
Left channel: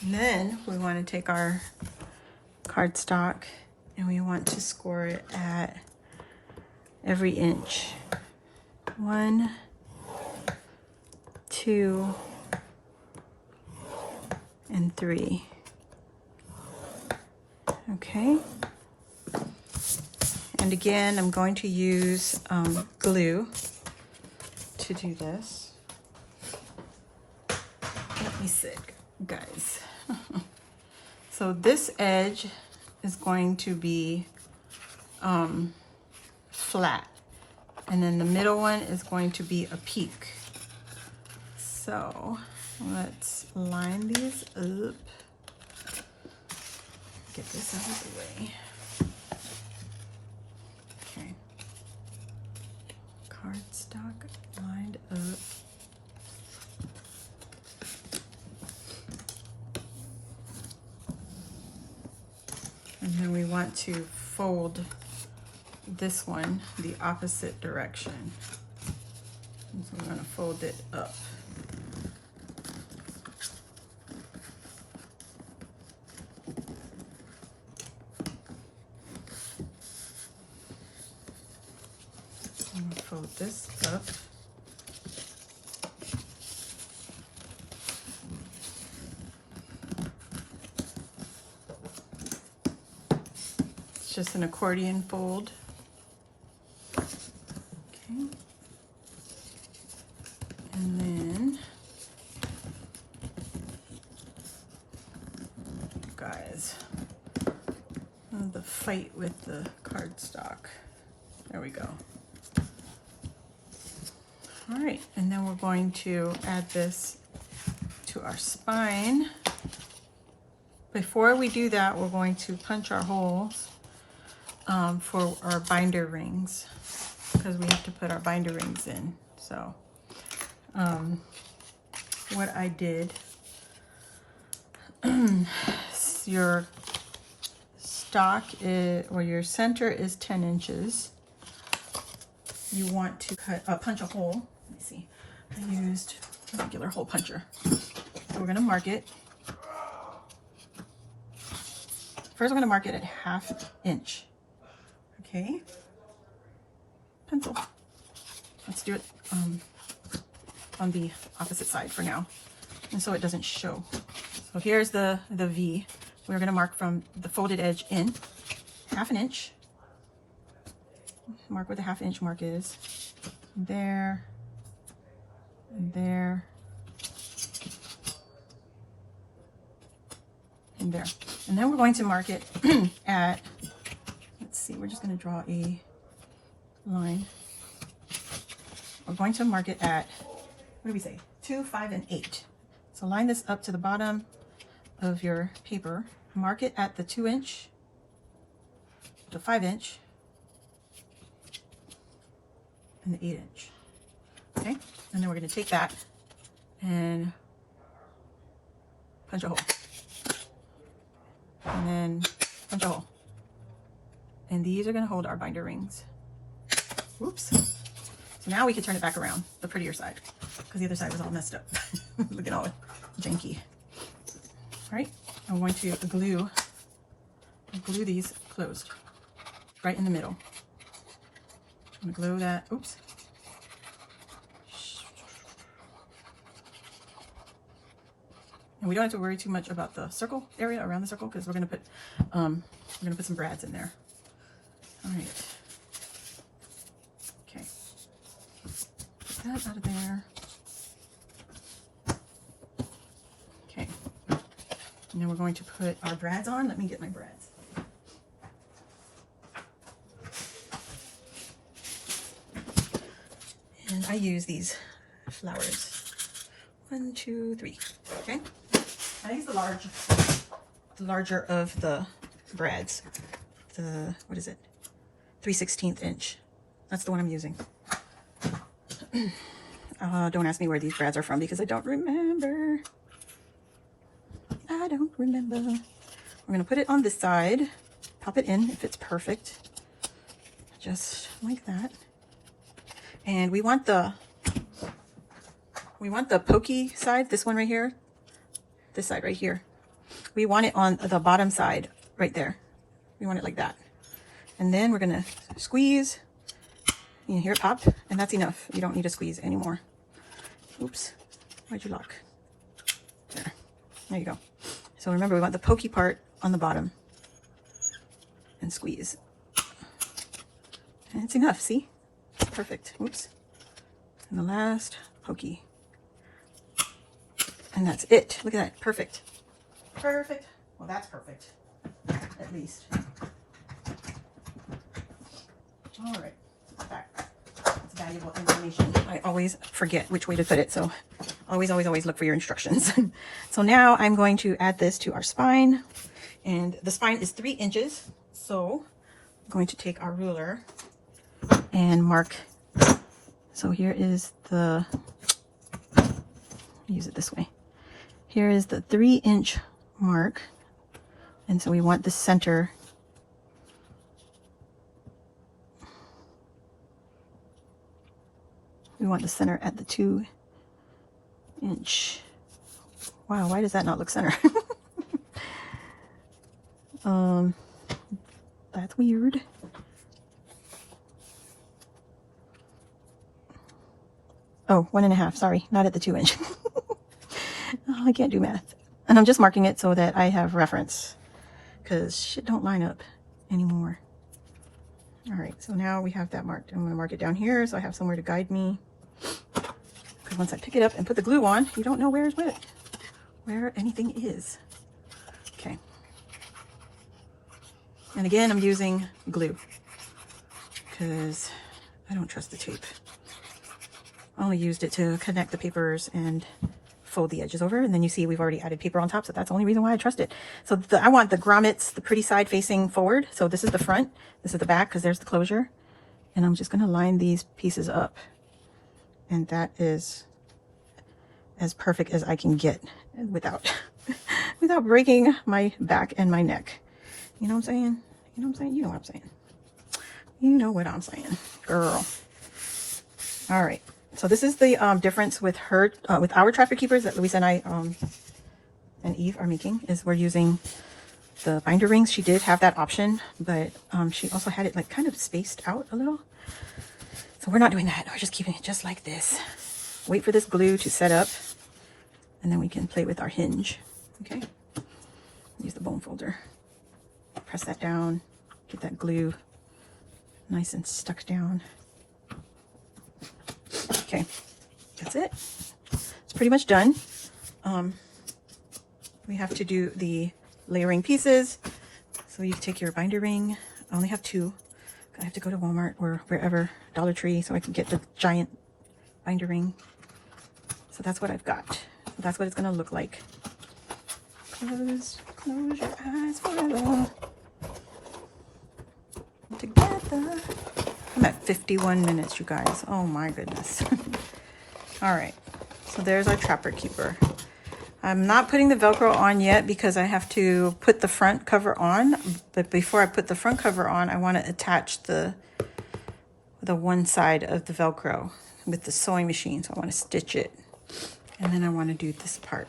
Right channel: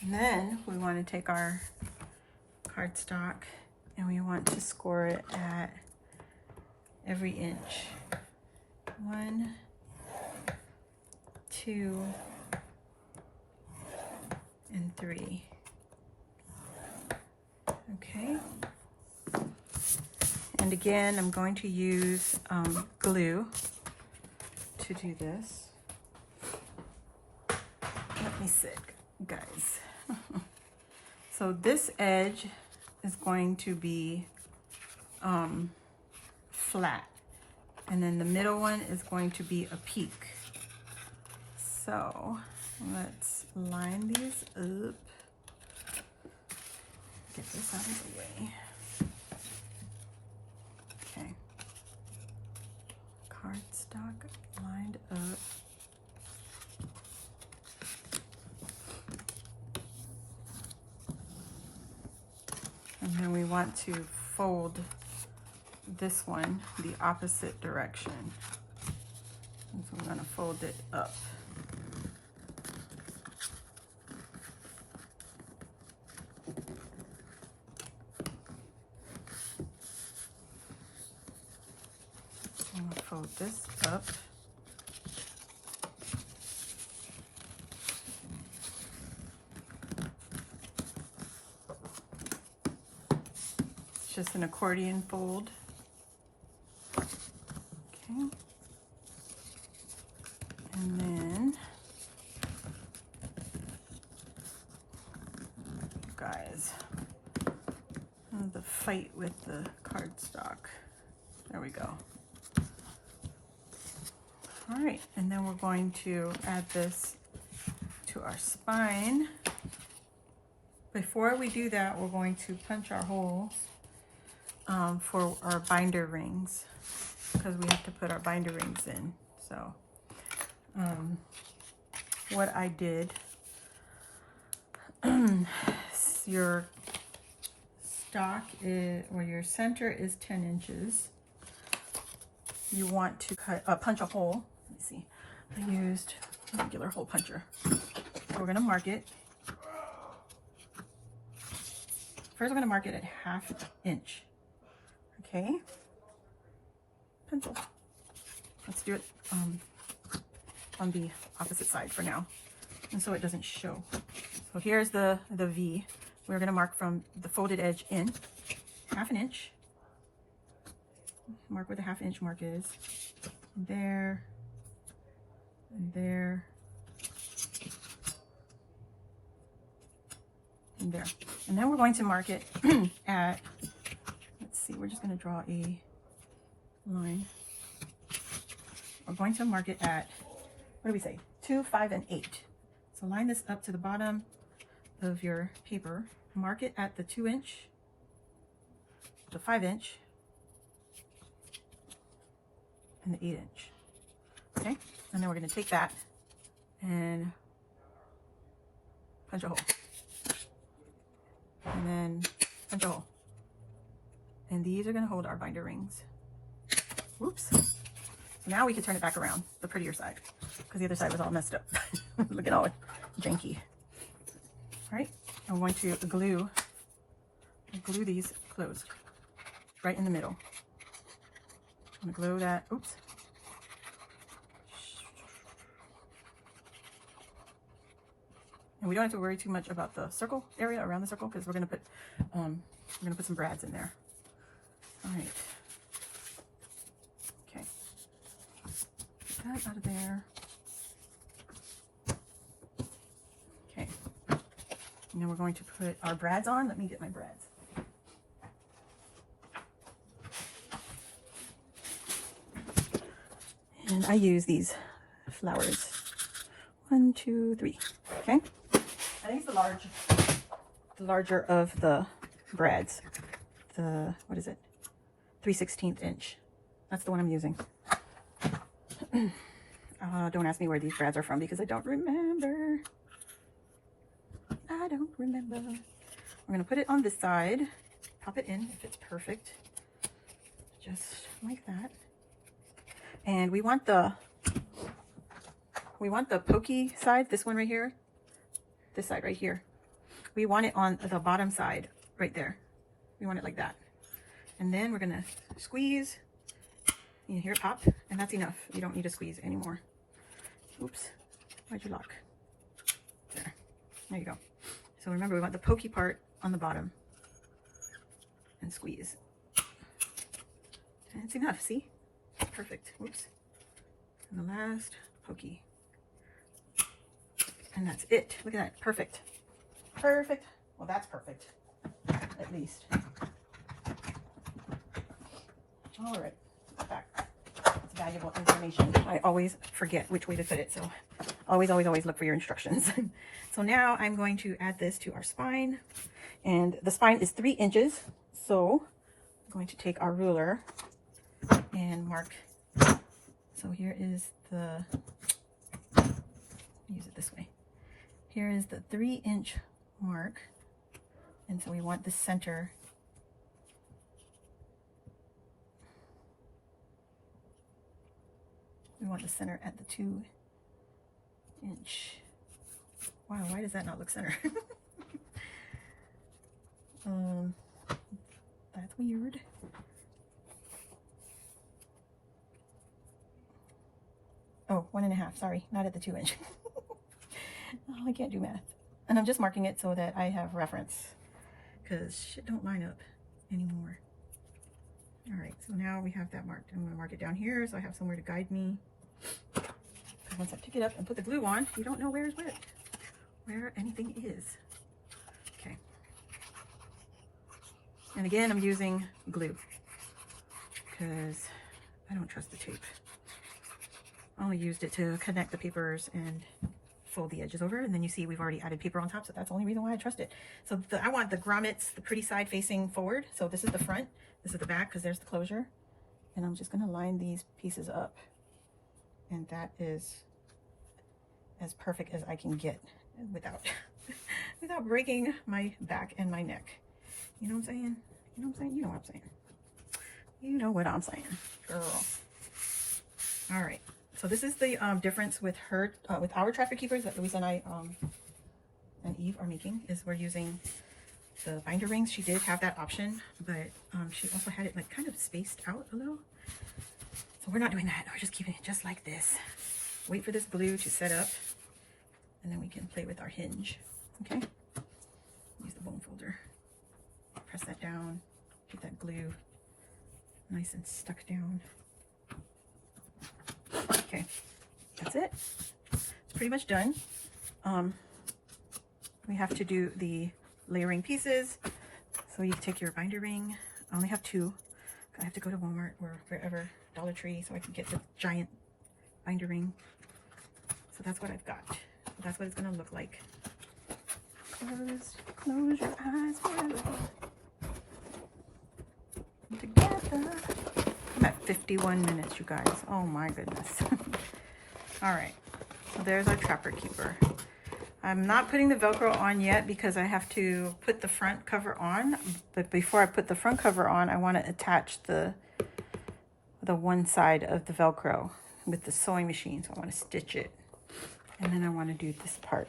And then we want to take our cardstock and we want to score it at every inch. 1, 2, and 3. Okay. And again, I'm going to use glue to do this. Let me sit, guys. So this edge is going to be flat. And then the middle one is going to be a peak. So Let's line these up. Get this out of the way. Okay. Cardstock lined up. And then we want to fold this one the opposite direction. And so we're going to fold it up. I'm going to fold this up. It's just an accordion fold. Okay. And then, guys, the fight with the cardstock. There we go. All right, and then we're going to add this to our spine. Before we do that, we're going to punch our holes for our binder rings, because we have to put our binder rings in. So what I did, your stock is, or your center is 10 inches. You want to punch a hole. Let me see. I used a regular hole puncher. So we're going to mark it. First, we're going to mark it at 1/2 inch. Okay. Pencil. Let's do it on the opposite side for now, and so it doesn't show. So here's the V. We're going to mark from the folded edge in 1/2 inch. Mark where the 1/2 inch mark is. There. And there. And there. And then we're going to mark it at, let's see, we're just going to draw a line. We're going to mark it at, what do we say? 2, 5, and 8. So line this up to the bottom of your paper. Mark it at the 2 inch, the 5 inch, and the 8 inch. Okay, and then we're going to take that and punch a hole, and then punch a hole, and these are going to hold our binder rings. Whoops. So now we can turn it back around, the prettier side, because the other side was all messed up. Look at all janky. All right, I'm going to glue these closed right in the middle. I'm going to glue that. Oops. And we don't have to worry too much about the circle area around the circle, because we're going to put some brads in there. All right. Okay. Get that out of there. Okay. And then we're going to put our brads on. Let me get my brads. And I use these flowers. 1, 2, 3. Okay. I use the larger of the brads. The, what is it? 3/16 inch. That's the one I'm using. Don't ask me where these brads are from, because I don't remember. I don't remember. We're going to put it on this side. Pop it in if it's perfect. Just like that. And we want the pokey side, this one right here, this side right here. We want it on the bottom side right there. We want it like that. And then we're going to squeeze. You can hear it pop, and that's enough. You don't need to squeeze anymore. Oops. Why'd you lock? There. There you go. So remember, we want the pokey part on the bottom. And squeeze. And it's enough, see? Perfect. Oops. And the last pokey. And that's it. Look at that. Perfect. Perfect. Well, that's perfect. At least. All right. Back. It's valuable information. I always forget which way to put it, so Always, always, always look for your instructions. So now I'm going to add this to our spine, and the spine is 3 inches. So I'm going to take our ruler and mark. So here is the, use it this way. Here is the 3-inch mark. And so we want the center. We want the center at the 2-inch. Wow, why does that not look center? That's weird. Oh, 1.5, sorry, not at the 2-inch. Oh, I can't do math. And I'm just marking it so that I have reference, because shit don't line up anymore. All right, so now we have that marked. I'm gonna mark it down here so I have somewhere to guide me. Because once I pick it up and put the glue on, you don't know where's what, where anything is. Okay. And again, I'm using glue because I don't trust the tape. I only used it to connect the papers and fold the edges over, and then you see we've already added paper on top, so that's the only reason why I trust it. So I want the grommets, the pretty side facing forward. So this is the front, this is the back, because there's the closure. And I'm just going to line these pieces up, and that is as perfect as I can get without without breaking my back and my neck. You know what I'm saying? You know what I'm saying? You know what I'm saying. You know what I'm saying, girl. All right. So this is the difference with her, with our trapper keepers that Luisa and I and Eve are making, is we're using the binder rings. She did have that option, but she also had it like kind of spaced out a little. So we're not doing that. We're just keeping it just like this. Wait for this glue to set up, and then we can play with our hinge. Okay. Use the bone folder. Press that down. Get that glue nice and stuck down. Okay, that's it. It's pretty much done. We have to do the layering pieces. So you take your binder ring. I only have 2. I have to go to Walmart or wherever, Dollar Tree, so I can get the giant binder ring. So that's what I've got. That's what it's gonna look like. Close your eyes forever. Together. I'm at 51 minutes, you guys. Oh my goodness. All right, so there's our trapper keeper. I'm not putting the Velcro on yet because I have to put the front cover on. But before I put the front cover on, I want to attach the one side of the Velcro with the sewing machine. So I want to stitch it, and then I want to do this part,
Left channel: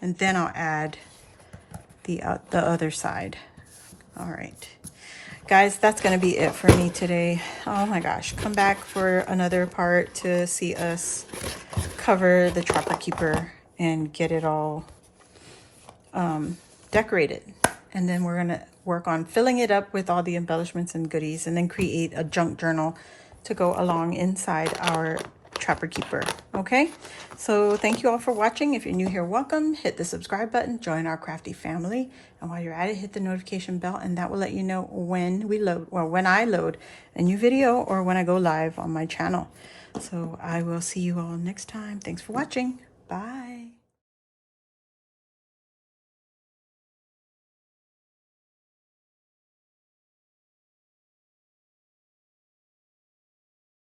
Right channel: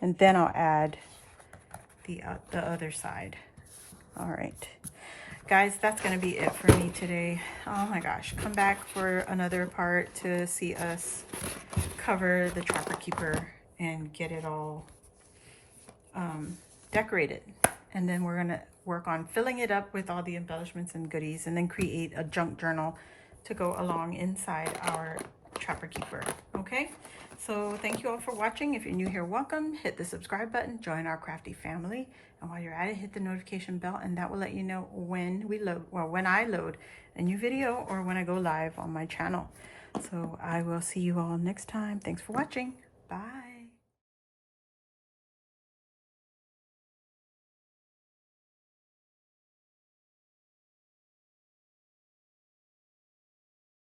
and then I'll add the other side. All right. Guys, that's going to be it for me today. Oh my gosh. Come back for another part to see us cover the trapper keeper and get it all decorated. And then we're going to work on filling it up with all the embellishments and goodies, and then create a junk journal to go along inside our trapper keeper. Okay, so thank you all for watching. If you're new here, welcome. Hit the subscribe button, join our crafty family, and while you're at it, hit the notification bell, and that will let you know when we load, or when I load a new video, or when I go live on my channel. So I will see you all next time. Thanks for watching. Bye.